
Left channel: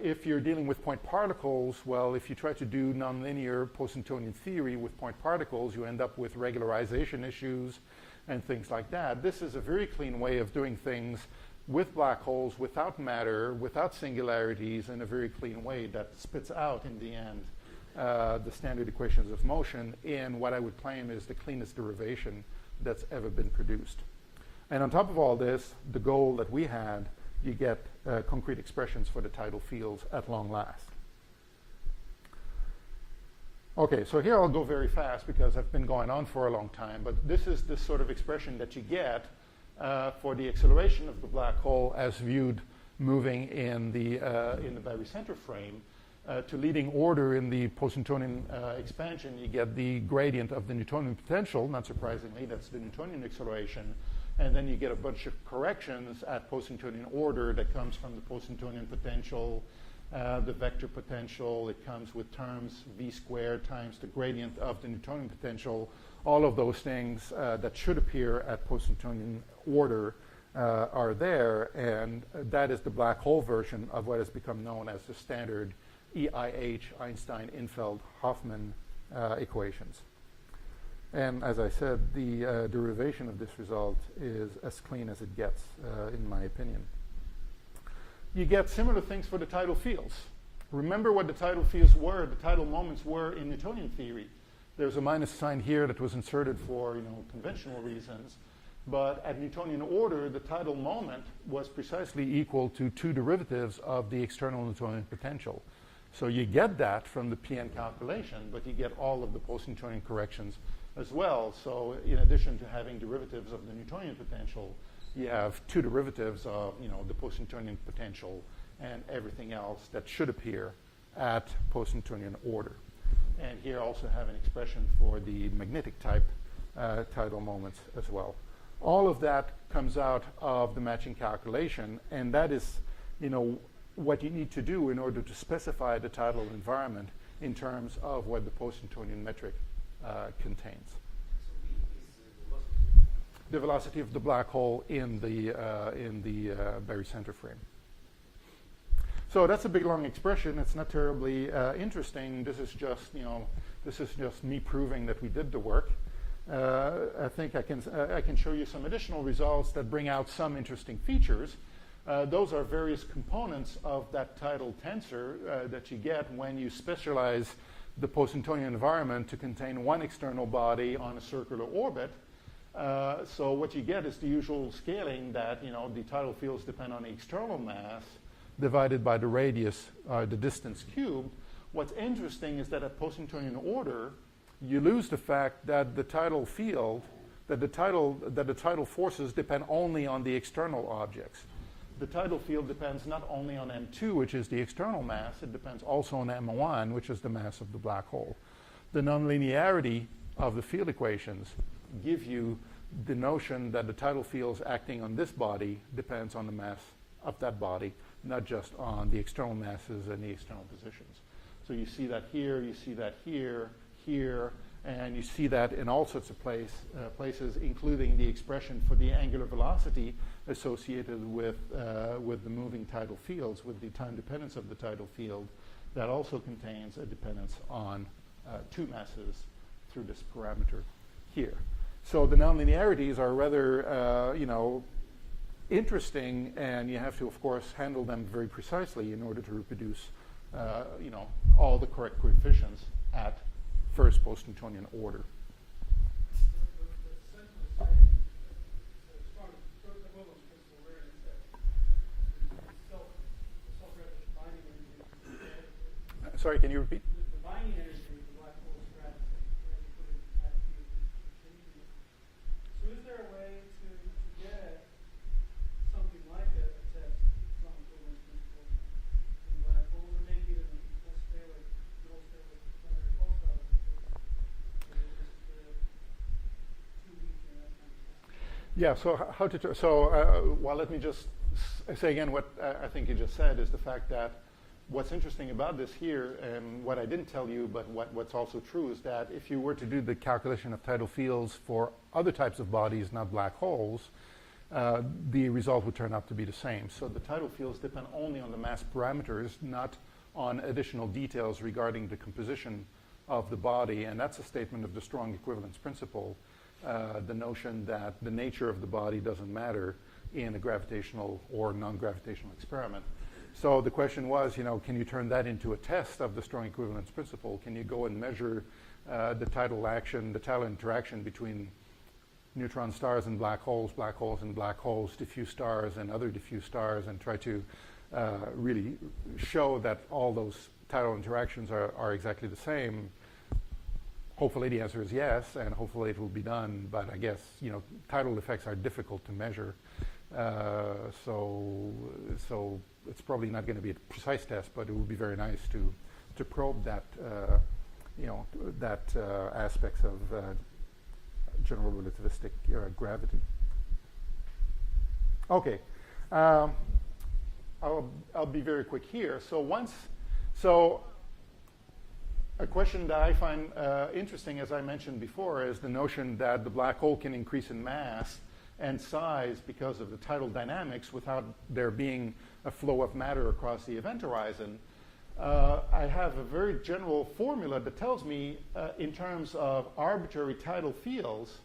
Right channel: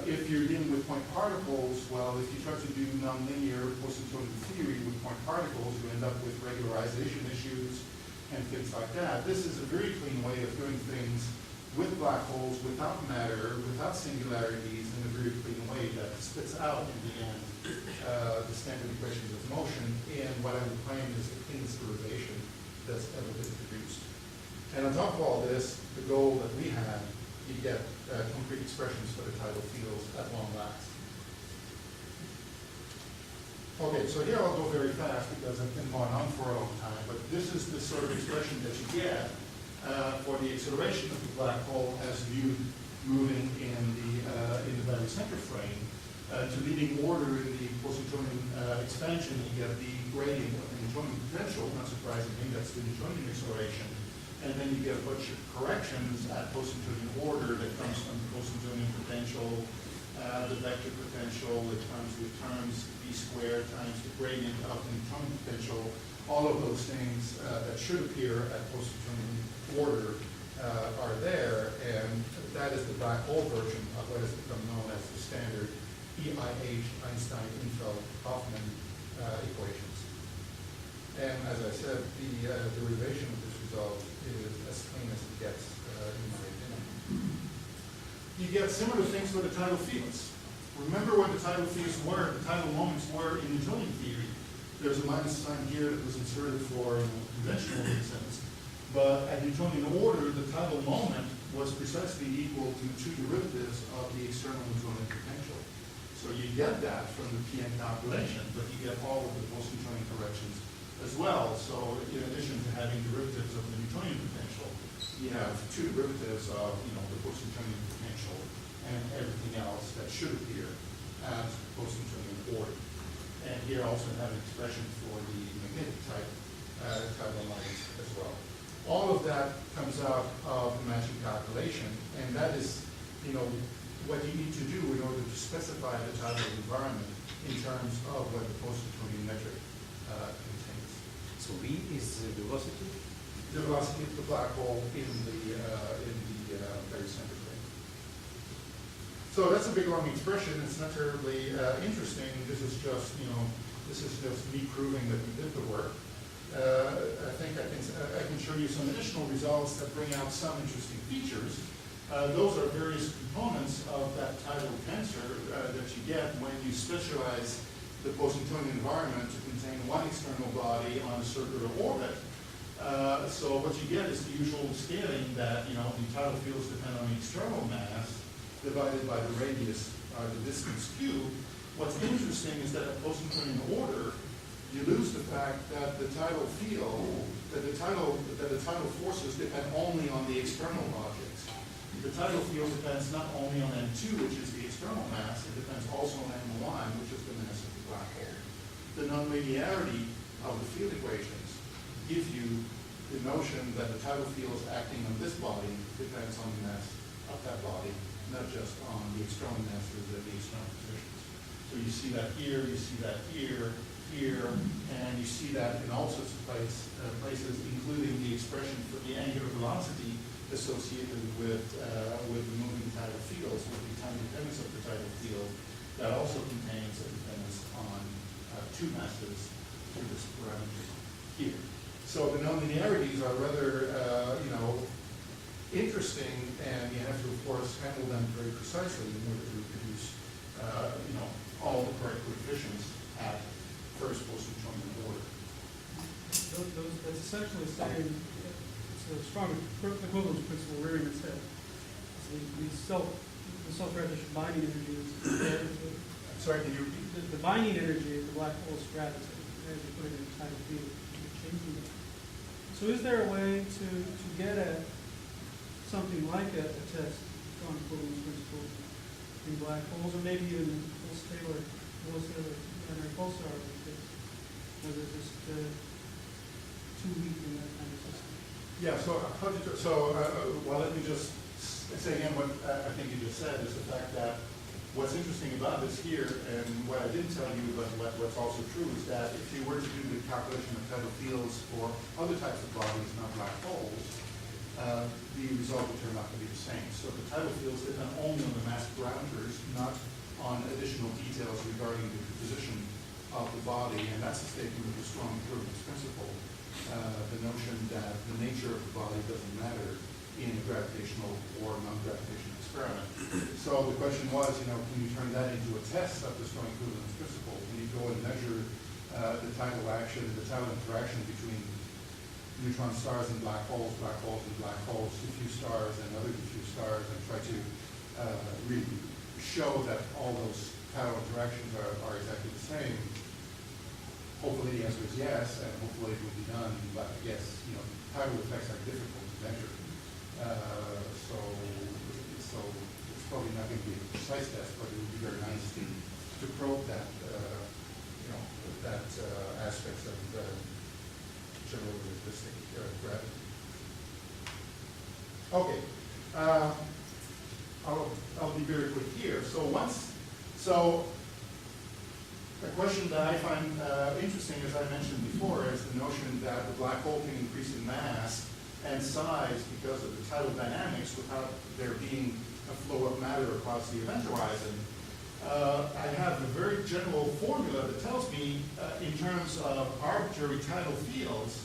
If you're dealing with point particles, well, if you try to do nonlinear post-Newtonian theory with point particles, you end up with regularization issues and things like that. This is a very clean way of doing things with black holes, without matter, without singularities, in a very clean way that spits out in the end the standard equations of motion in what I would claim is the cleanest derivation that's ever been produced. And on top of all this, the goal that we had, you get concrete expressions for the tidal fields at long last. Okay, so here I'll go very fast because I've been going on for a long time, but this is the sort of expression that you get for the acceleration of the black hole as viewed moving in the barycenter frame. To leading order in the post-Newtonian expansion, you get the gradient of the Newtonian potential, not surprisingly, that's the Newtonian acceleration. And then you get a bunch of corrections at post-Newtonian order that comes from post-Newtonian potential, the vector potential, it comes with terms v squared times the gradient of the Newtonian potential. All of those things that should appear at post-Newtonian order are there, and that is the black hole version of what has become known as the standard EIH, Einstein, Infeld, Hoffman equations. And as I said, the derivation of this result is as clean as it gets, in my opinion. You get similar things for the tidal fields. Remember what the tidal fields were, the tidal moments were in Newtonian theory. There's a minus sign here that was inserted for conventional reasons. But at Newtonian order, the tidal moment was precisely equal to two derivatives of the external Newtonian potential. So you get that from the PN calculation, but you get all of the post-Newtonian corrections as well. So in addition to having derivatives of the Newtonian potential, you have two derivatives of the post-Newtonian potential and everything else that should appear at post-Newtonian order. And here also have an expression for the magnetic type tidal moments as well. All of that comes out of the matching calculation, and that is, what you need to do in order to specify the tidal environment in terms of what the post-Newtonian metric contains. So V is the velocity? The velocity of the black hole in the barycenter frame. So that's a big long expression. It's not terribly interesting. This is just me proving that we did the work. I think I can show you some additional results that bring out some interesting features. Those are various components of that tidal tensor that you get when you specialize the post-Newtonian environment to contain one external body on a circular orbit. So what you get is the usual scaling that the tidal fields depend on the external mass divided by the radius, the distance cubed. What's interesting is that at post-Newtonian order, you lose the fact that the tidal field, that the tidal forces depend only on the external objects. The tidal field depends not only on M2, which is the external mass, it depends also on M1, which is the mass of the black hole. The nonlinearity of the field equations give you the notion that the tidal fields acting on this body depends on the mass of that body, not just on the external masses and the external positions. So you see that here, you see that here, and you see that in all sorts of places, including the expression for the angular velocity associated with the moving tidal fields, with the time dependence of the tidal field. That also contains a dependence on two masses through this parameter here. So the nonlinearities are rather, interesting, and you have to, of course, handle them very precisely in order to reproduce, all the correct coefficients at first post-Newtonian order. That's essentially saying it's a strong equivalence principle rearing its head. So the self-gravitation binding energy is Sorry, can you repeat? the binding energy of the black hole's gravity as you put it in a tidal field. You're changing it. So is there a way to get at something like a test on equivalence principle in black holes, or maybe even Taylor and our pulsar, whether it's just too weak in that kind of system? Yeah, let me just say again what I think you just said is the fact that what's interesting about this here, and what I didn't tell you, but what's also true, is that if you were to do the calculation of tidal fields for other types of bodies, not black holes, the result would turn out to be the same. So the tidal fields depend only on the mass parameters, not on additional details regarding the composition of the body, and that's a statement of the strong equivalence principle, the notion that the nature of the body doesn't matter in a gravitational or non-gravitational experiment. So the question was, can you turn that into a test of the strong equivalence principle? Can you go and measure the tidal action, the tidal interaction between neutron stars and black holes and black holes, diffuse stars and other diffuse stars, and try to really show that all those tidal interactions are exactly the same? Hopefully the answer is yes, and hopefully it will be done, but I guess, tidal effects are difficult to measure. So it's probably not going to be a precise test, but it would be very nice to probe that, aspects of general relativistic gravity. Okay, I'll be very quick here. So a question that I find interesting, as I mentioned before, is the notion that the black hole can increase in mass and size because of the tidal dynamics without there being a flow of matter across the event horizon. I have a very general formula that tells me, in terms of arbitrary tidal fields,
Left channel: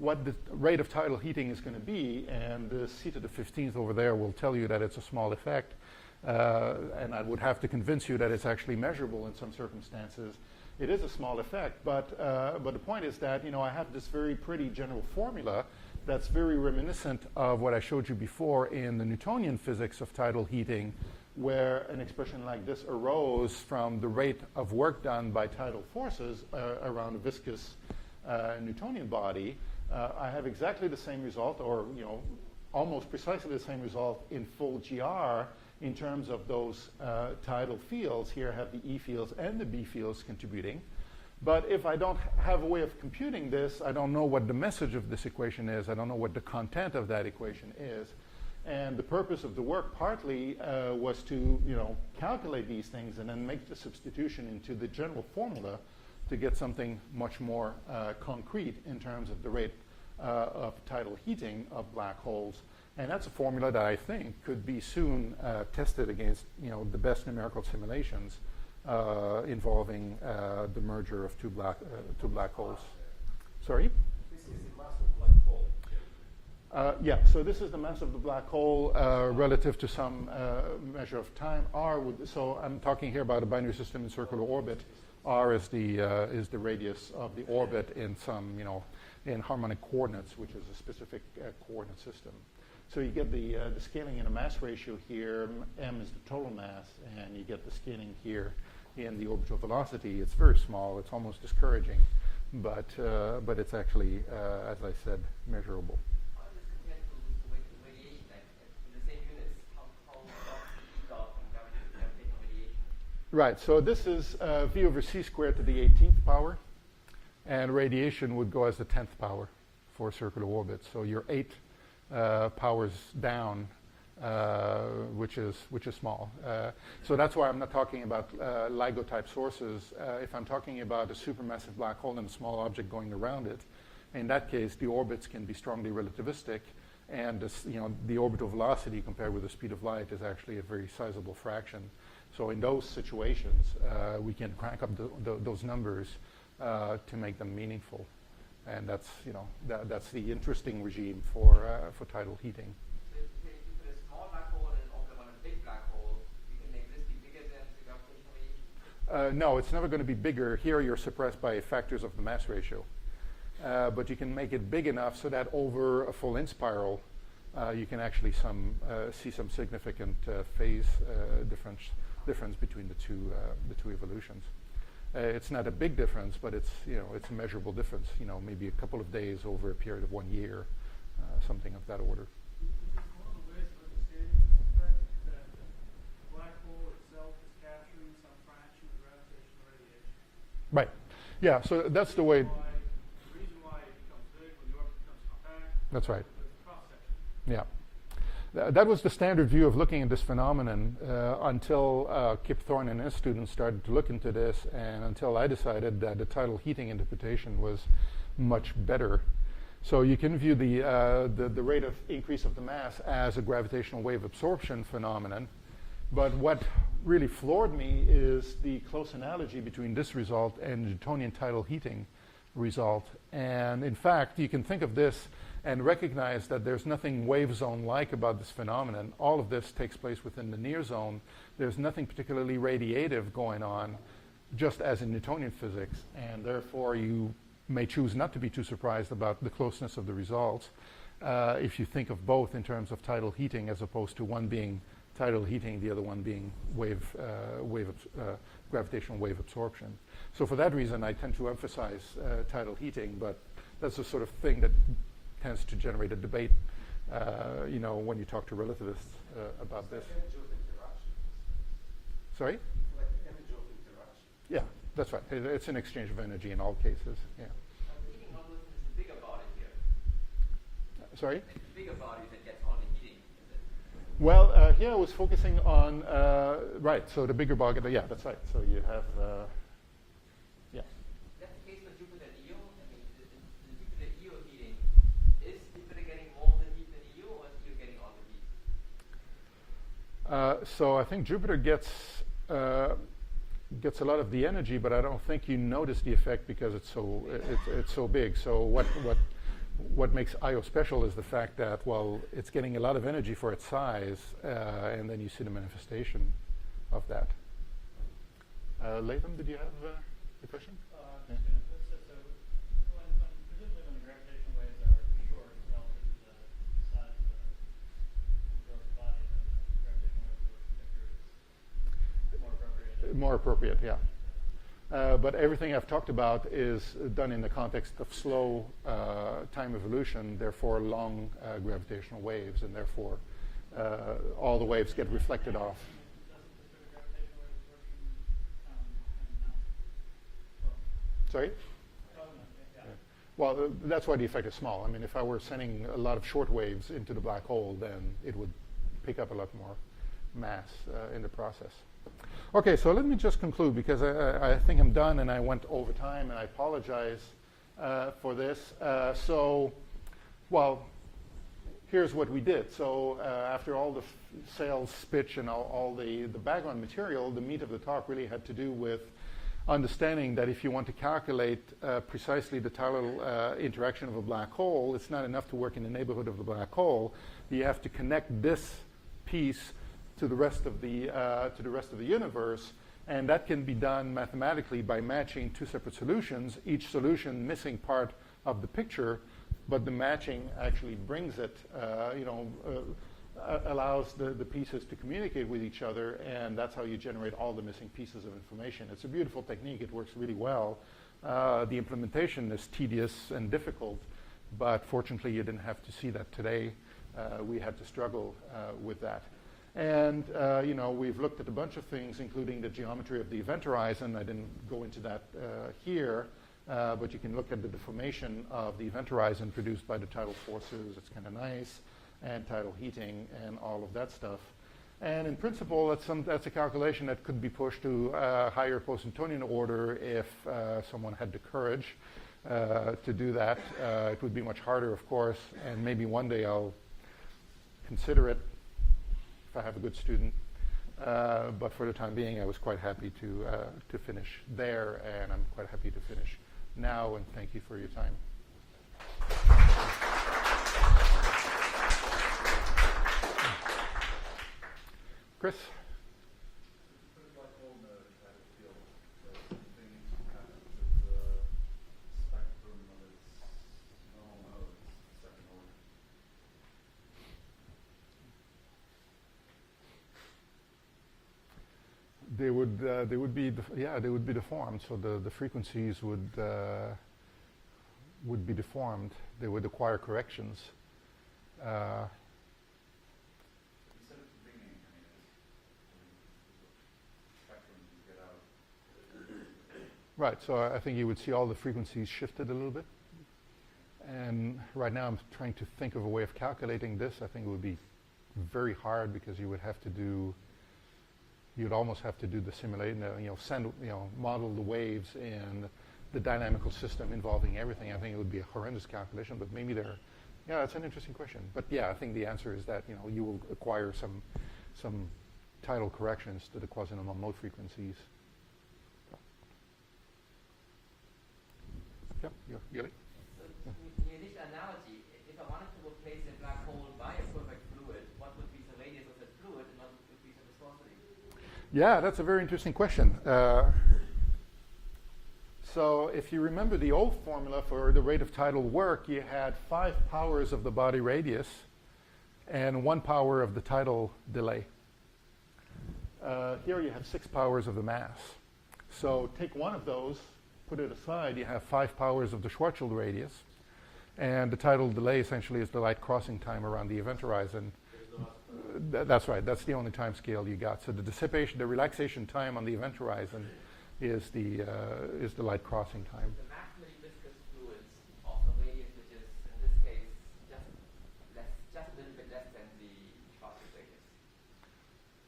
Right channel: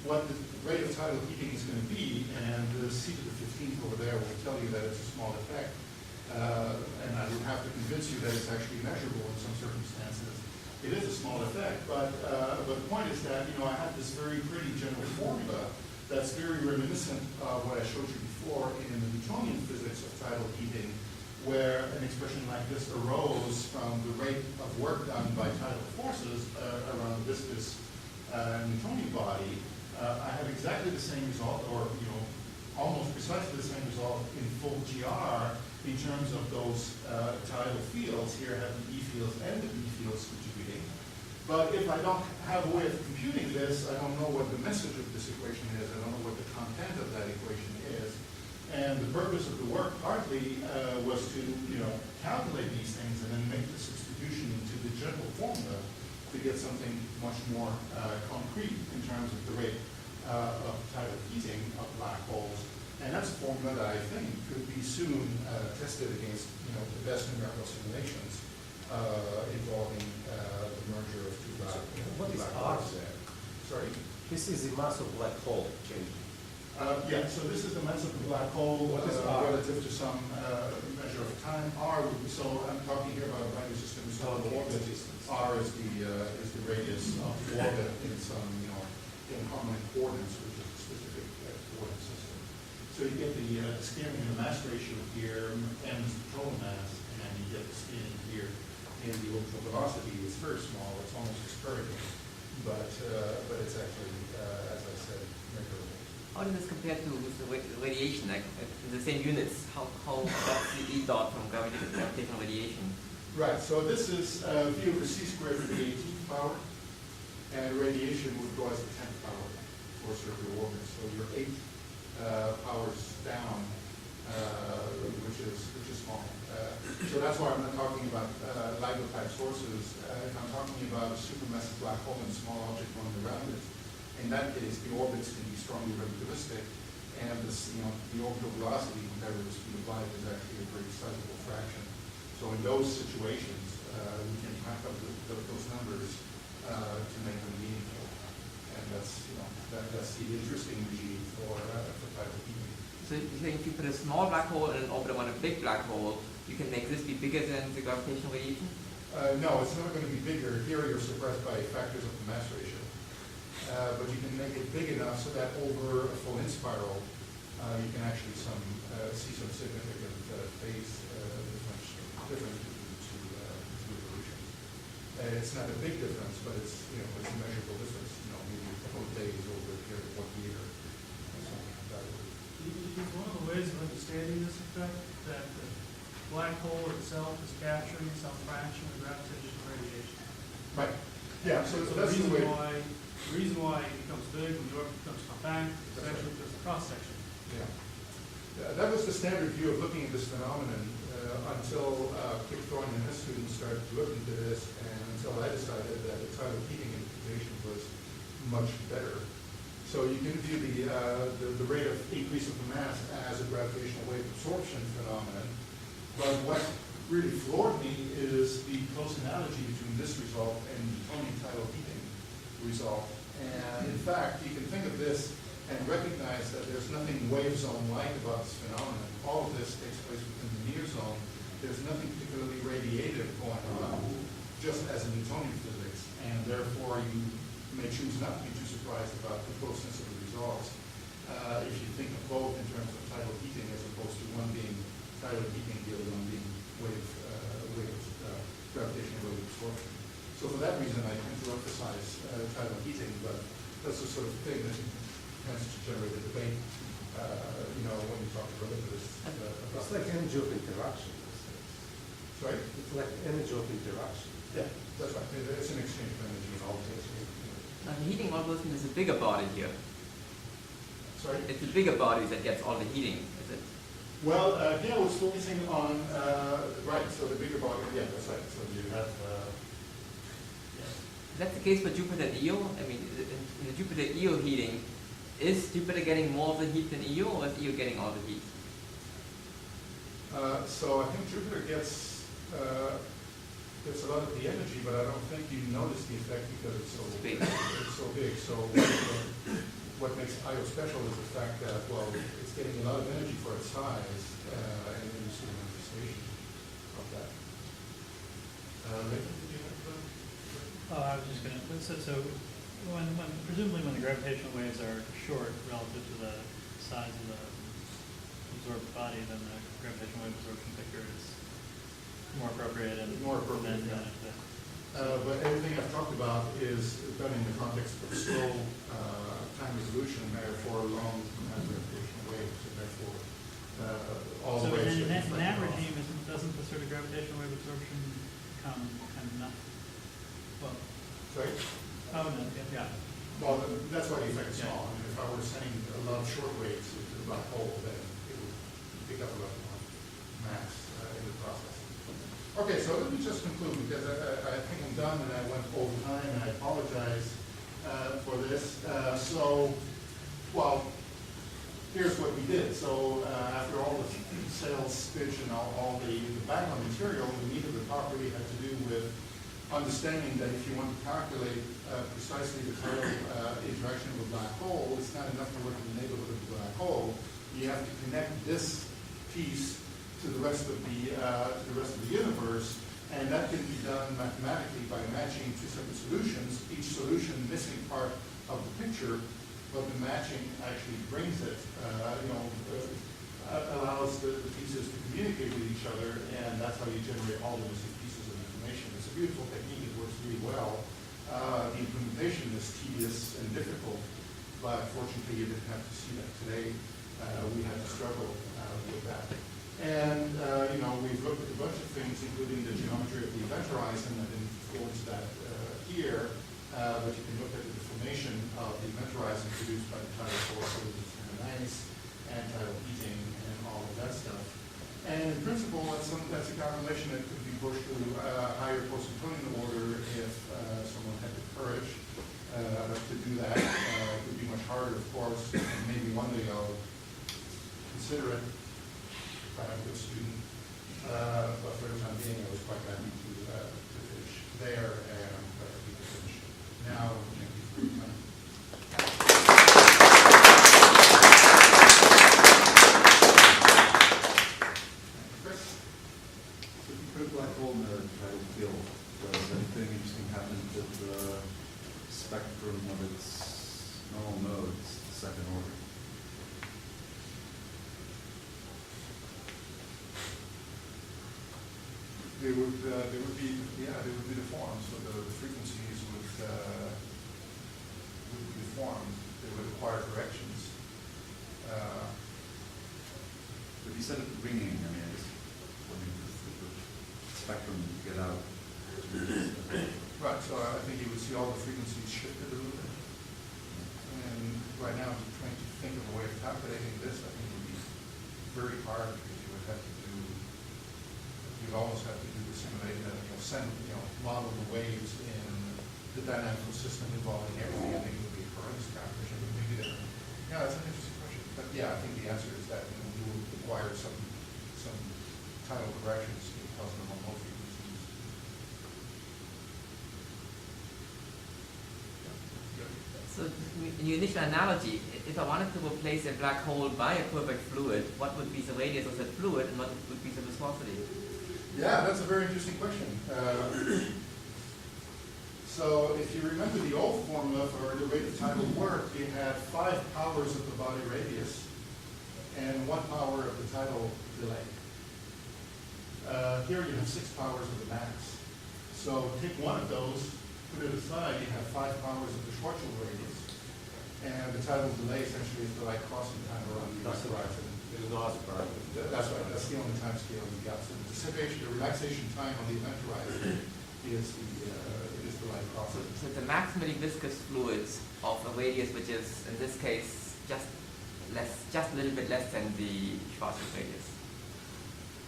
what the rate of tidal heating is going to be, and CITA the 15th over there will tell you that it's a small effect, and I would have to convince you that it's actually measurable in some circumstances. It is a small effect, but the point is that I have this very pretty general formula that's very reminiscent of what I showed you before in the Newtonian physics of tidal heating, where an expression like this arose from the rate of work done by tidal forces around a viscous Newtonian body. I have exactly the same result, or almost precisely the same result in full GR in terms of those tidal fields. Here I have the E fields and the B fields contributing. But if I don't have a way of computing this, I don't know what the message of this equation is. I don't know what the content of that equation is. And the purpose of the work partly was to calculate these things and then make the substitution into the general formula to get something much more concrete in terms of the rate of tidal heating of black holes. And that's a formula that I think could be soon tested against the best numerical simulations involving the merger of two black holes. There? Sorry? This is the mass of black hole changing. Yeah, so this is the mass of the black hole relative to some measure of time. R, so I'm talking here about a binary system in circular orbit. R is the radius of the orbit in some, in harmonic coordinates, which is a specific coordinate system. So you get the scaling in the mass ratio here, m is the total mass, and you get the scaling here in the orbital velocity. It's very small. It's almost discouraging, but it's actually, as I said, measurable. How does this compare to the radiation, like in the same units? How that's the E dot from gravitational radiation? Right, so this is V over C squared to the 18th power, and radiation would go as the 10th power for circular orbits. So you're 8 powers down, which is small. So that's why I'm not talking about LIGO type sources. If I'm talking about a supermassive black hole and a small object going around it, in that case, the orbits can be strongly relativistic, and this, the orbital velocity compared with the speed of light is actually a very sizable fraction. So in those situations, we can crank up those numbers to make them meaningful, and that's that's the interesting regime for tidal heating. So you think if you put a small black hole in an orbit around a big black hole, you can make this be bigger than the gravitational radiation? No, it's never going to be bigger. Here you're suppressed by factors of the mass ratio. But you can make it big enough so that over a full inspiral, you can actually see some significant phase difference between the two evolutions. It's not a big difference, but it's it's a measurable difference. Maybe a couple of days over a period of 1 year, something of that order. Is one of the ways of understanding this effect that the black hole itself is capturing some fraction of gravitational radiation? Right. Yeah. So that's the way. The reason why it becomes big when the orbit becomes compact is That's right. because of cross section. Yeah. That was the standard view of looking at this phenomenon until Kip Thorne and his students started to look into this, and until I decided that the tidal heating interpretation was much better. So you can view the rate of increase of the mass as a gravitational wave absorption phenomenon, but what really floored me is the close analogy between this result and Newtonian tidal heating result. And in fact, you can think of this and recognize that there's nothing wave zone-like about this phenomenon. All of this takes place within the near zone. There's nothing particularly radiative going on, just as in Newtonian physics, and therefore you may choose not to be too surprised about the closeness of the results if you think of both in terms of tidal heating as opposed to one being tidal heating, the other one being gravitational wave absorption. So for that reason, I tend to emphasize tidal heating, but that's the sort of thing that tends to generate a debate when you talk to relativists about It's like this. energy of interaction. Sorry? It's like energy of interaction. Yeah, that's right. It's an exchange of energy in all cases. Yeah. The heating algorithm is a bigger body here. Sorry? It's the bigger body that gets all the heating, is it? Well, yeah, I was focusing on, right, so the bigger body, but yeah, that's right. So you have, yes. Is that the case for Jupiter Io? I mean, in the Jupiter Io heating, is Jupiter getting more of the heat than Io, or is Io getting all the heat? So I think Jupiter gets a lot of the energy, but I don't think you notice the effect because it's so big. it's so big. So what makes Io special is the fact that, well, it's getting a lot of energy for its size, and then you see the manifestation of that. Leighton, did you have a question? Oh, I was just going to, so presumably when the gravitational waves are short relative to the size of the absorbed body, then the gravitational wave absorption picture is more appropriate. And More appropriate, yeah. if But everything I've talked about is done in the context of slow time resolution, therefore long gravitational waves, and therefore all the waves get reflected in that off. regime, doesn't the sort of gravitational wave absorption come kind of not? Well, Sorry? oh no, yeah. Well, that's why the effect is small. I mean, if I were sending a lot of short waves into the black hole, then it would pick up a lot more mass in the process. Okay, so let me just conclude because I think I'm done and I went over time and I apologize for this. Well, here's what we did. So after all the sales pitch and all the background material, the meat of the talk really had to do with understanding that if you want to calculate precisely the tidal interaction of a black hole, it's not enough to work in the neighborhood of the black hole. You have to connect this piece to the rest of the universe, and that can be done mathematically by matching two separate solutions, each solution missing part of the picture, but the matching actually brings it, allows the pieces to communicate with each other, and that's how you generate all the missing pieces of information. It's a beautiful technique. It works really well. The implementation is tedious and difficult, but fortunately you didn't have to see that today. We had to struggle with that. And, we've looked at a bunch of things, including the geometry of the event horizon. I didn't go into that here, but you can look at the deformation of the event horizon produced by the tidal forces and ice and tidal heating and all of that stuff. And in principle, that's a calculation that could be pushed to a higher post-Newtonian order if someone had the courage to do that. It would be much harder, of course, and maybe one day I'll consider it if I have a good student. But for the time being, I was quite happy to finish there, and I'm quite happy to finish now, and thank you for your time. Chris? So if you put a black hole in a tidal field, does anything interesting happen to the spectrum of its normal modes, the second order? They would be deformed. So the frequencies would be deformed. They would acquire corrections. But you said ringing. I mean, I just wondering if the spectrum you get out. Right. So I think you would see all the frequencies shifted a little bit. And right now I'm trying to think of a way of calculating this. I think it would be very hard because you would almost have to do the simulation, model the waves in the dynamical system involving everything. I think it would be a horrendous calculation, but maybe yeah, it's an interesting question. But yeah, I think the answer is that you will acquire some tidal corrections to the quasi-normal mode frequencies. Yeah, that's good. So in your initial analogy, if I wanted to replace a black hole by a perfect fluid, what would be the radius of that fluid and what would be the viscosity? Yeah, that's a very interesting question. So if you remember the old formula for the rate of tidal work, you had 5 powers of the body radius and 1 power of the tidal delay. Here you have 6 powers of the mass. So take one of those, put it aside, you have 5 powers of the Schwarzschild radius. And the tidal delay essentially is the light crossing time around the event horizon. There's no aspect. That's right. That's the only time scale you got. So the dissipation, the relaxation time on the event horizon is the light crossing So time. it's a maximally viscous fluid of a radius which is, in this case, just a little bit less than the Schwarzschild radius.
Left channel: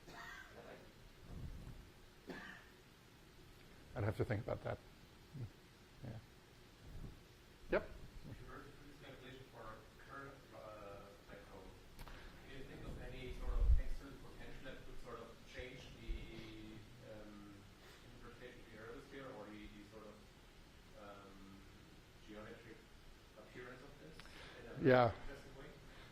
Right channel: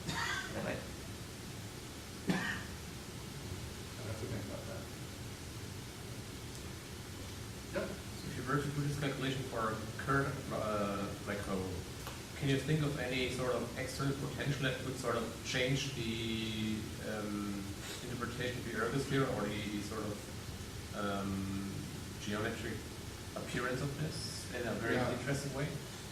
Is that right? I'd have to think about that. Yep. So if you were to do this calculation for a current black hole, can you think of any sort of external potential that would sort of change the interpretation of the ergosphere or the sort of geometric appearance of this in a very interesting way?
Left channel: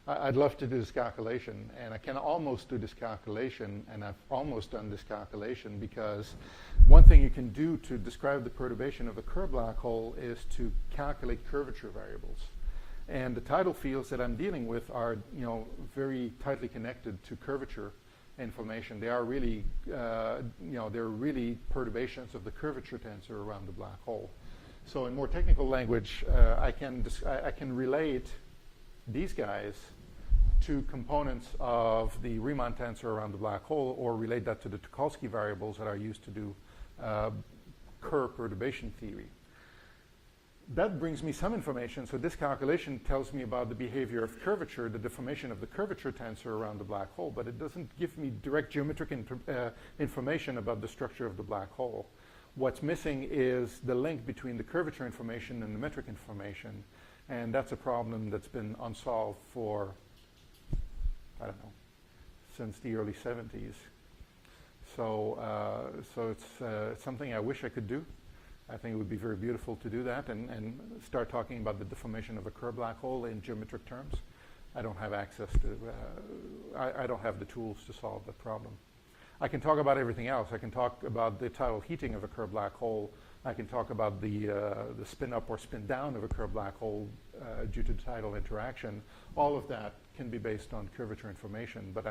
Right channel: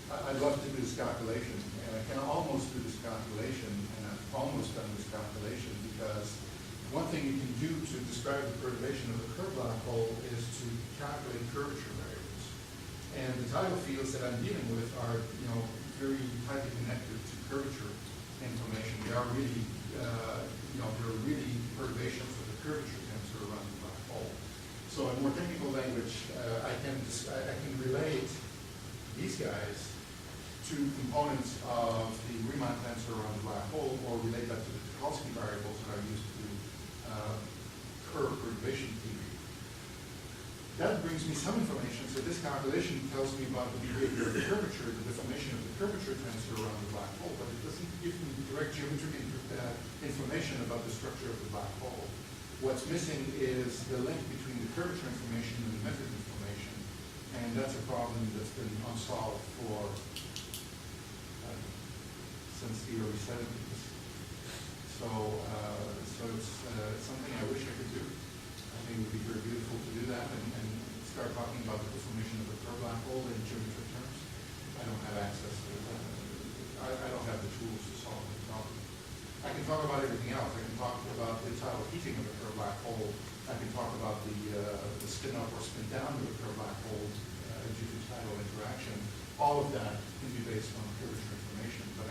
I'd love to do this calculation, and I can almost do this calculation, and I've almost done this calculation because one thing you can do to describe the perturbation of a Kerr black hole is to calculate curvature variables. And the tidal fields that I'm dealing with are, very tightly connected to curvature information. They are really, they're really perturbations of the curvature tensor around the black hole. So in more technical language, I can relate these guys to components of the Riemann tensor around the black hole, or relate that to the Tucholsky variables that are used to do Kerr perturbation theory. That brings me some information. So this calculation tells me about the behavior of curvature, the deformation of the curvature tensor around the black hole, but it doesn't give me direct geometric information about the structure of the black hole. What's missing is the link between the curvature information and the metric information, and that's a problem that's been unsolved for since the early 70s. So it's something I wish I could do. I think it would be very beautiful to do that and start talking about the deformation of a Kerr black hole in geometric terms. I don't have access to, I don't have the tools to solve the problem. I can talk about everything else. I can talk about the tidal heating of a Kerr black hole. I can talk about the spin up or spin down of a Kerr black hole due to tidal interaction. All of that can be based on curvature information, but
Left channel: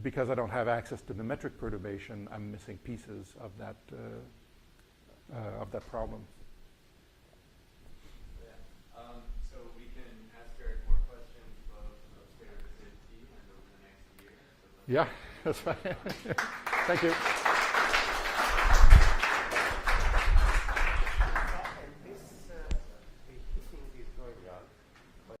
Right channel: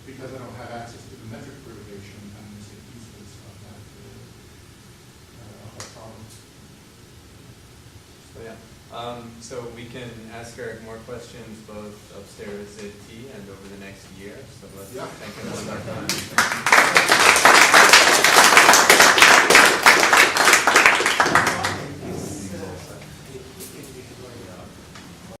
because I don't have access to the metric perturbation, I'm missing pieces of that problem. So yeah, so we can ask Eric more questions both upstairs at T and over the next year. So let's thank him one more time.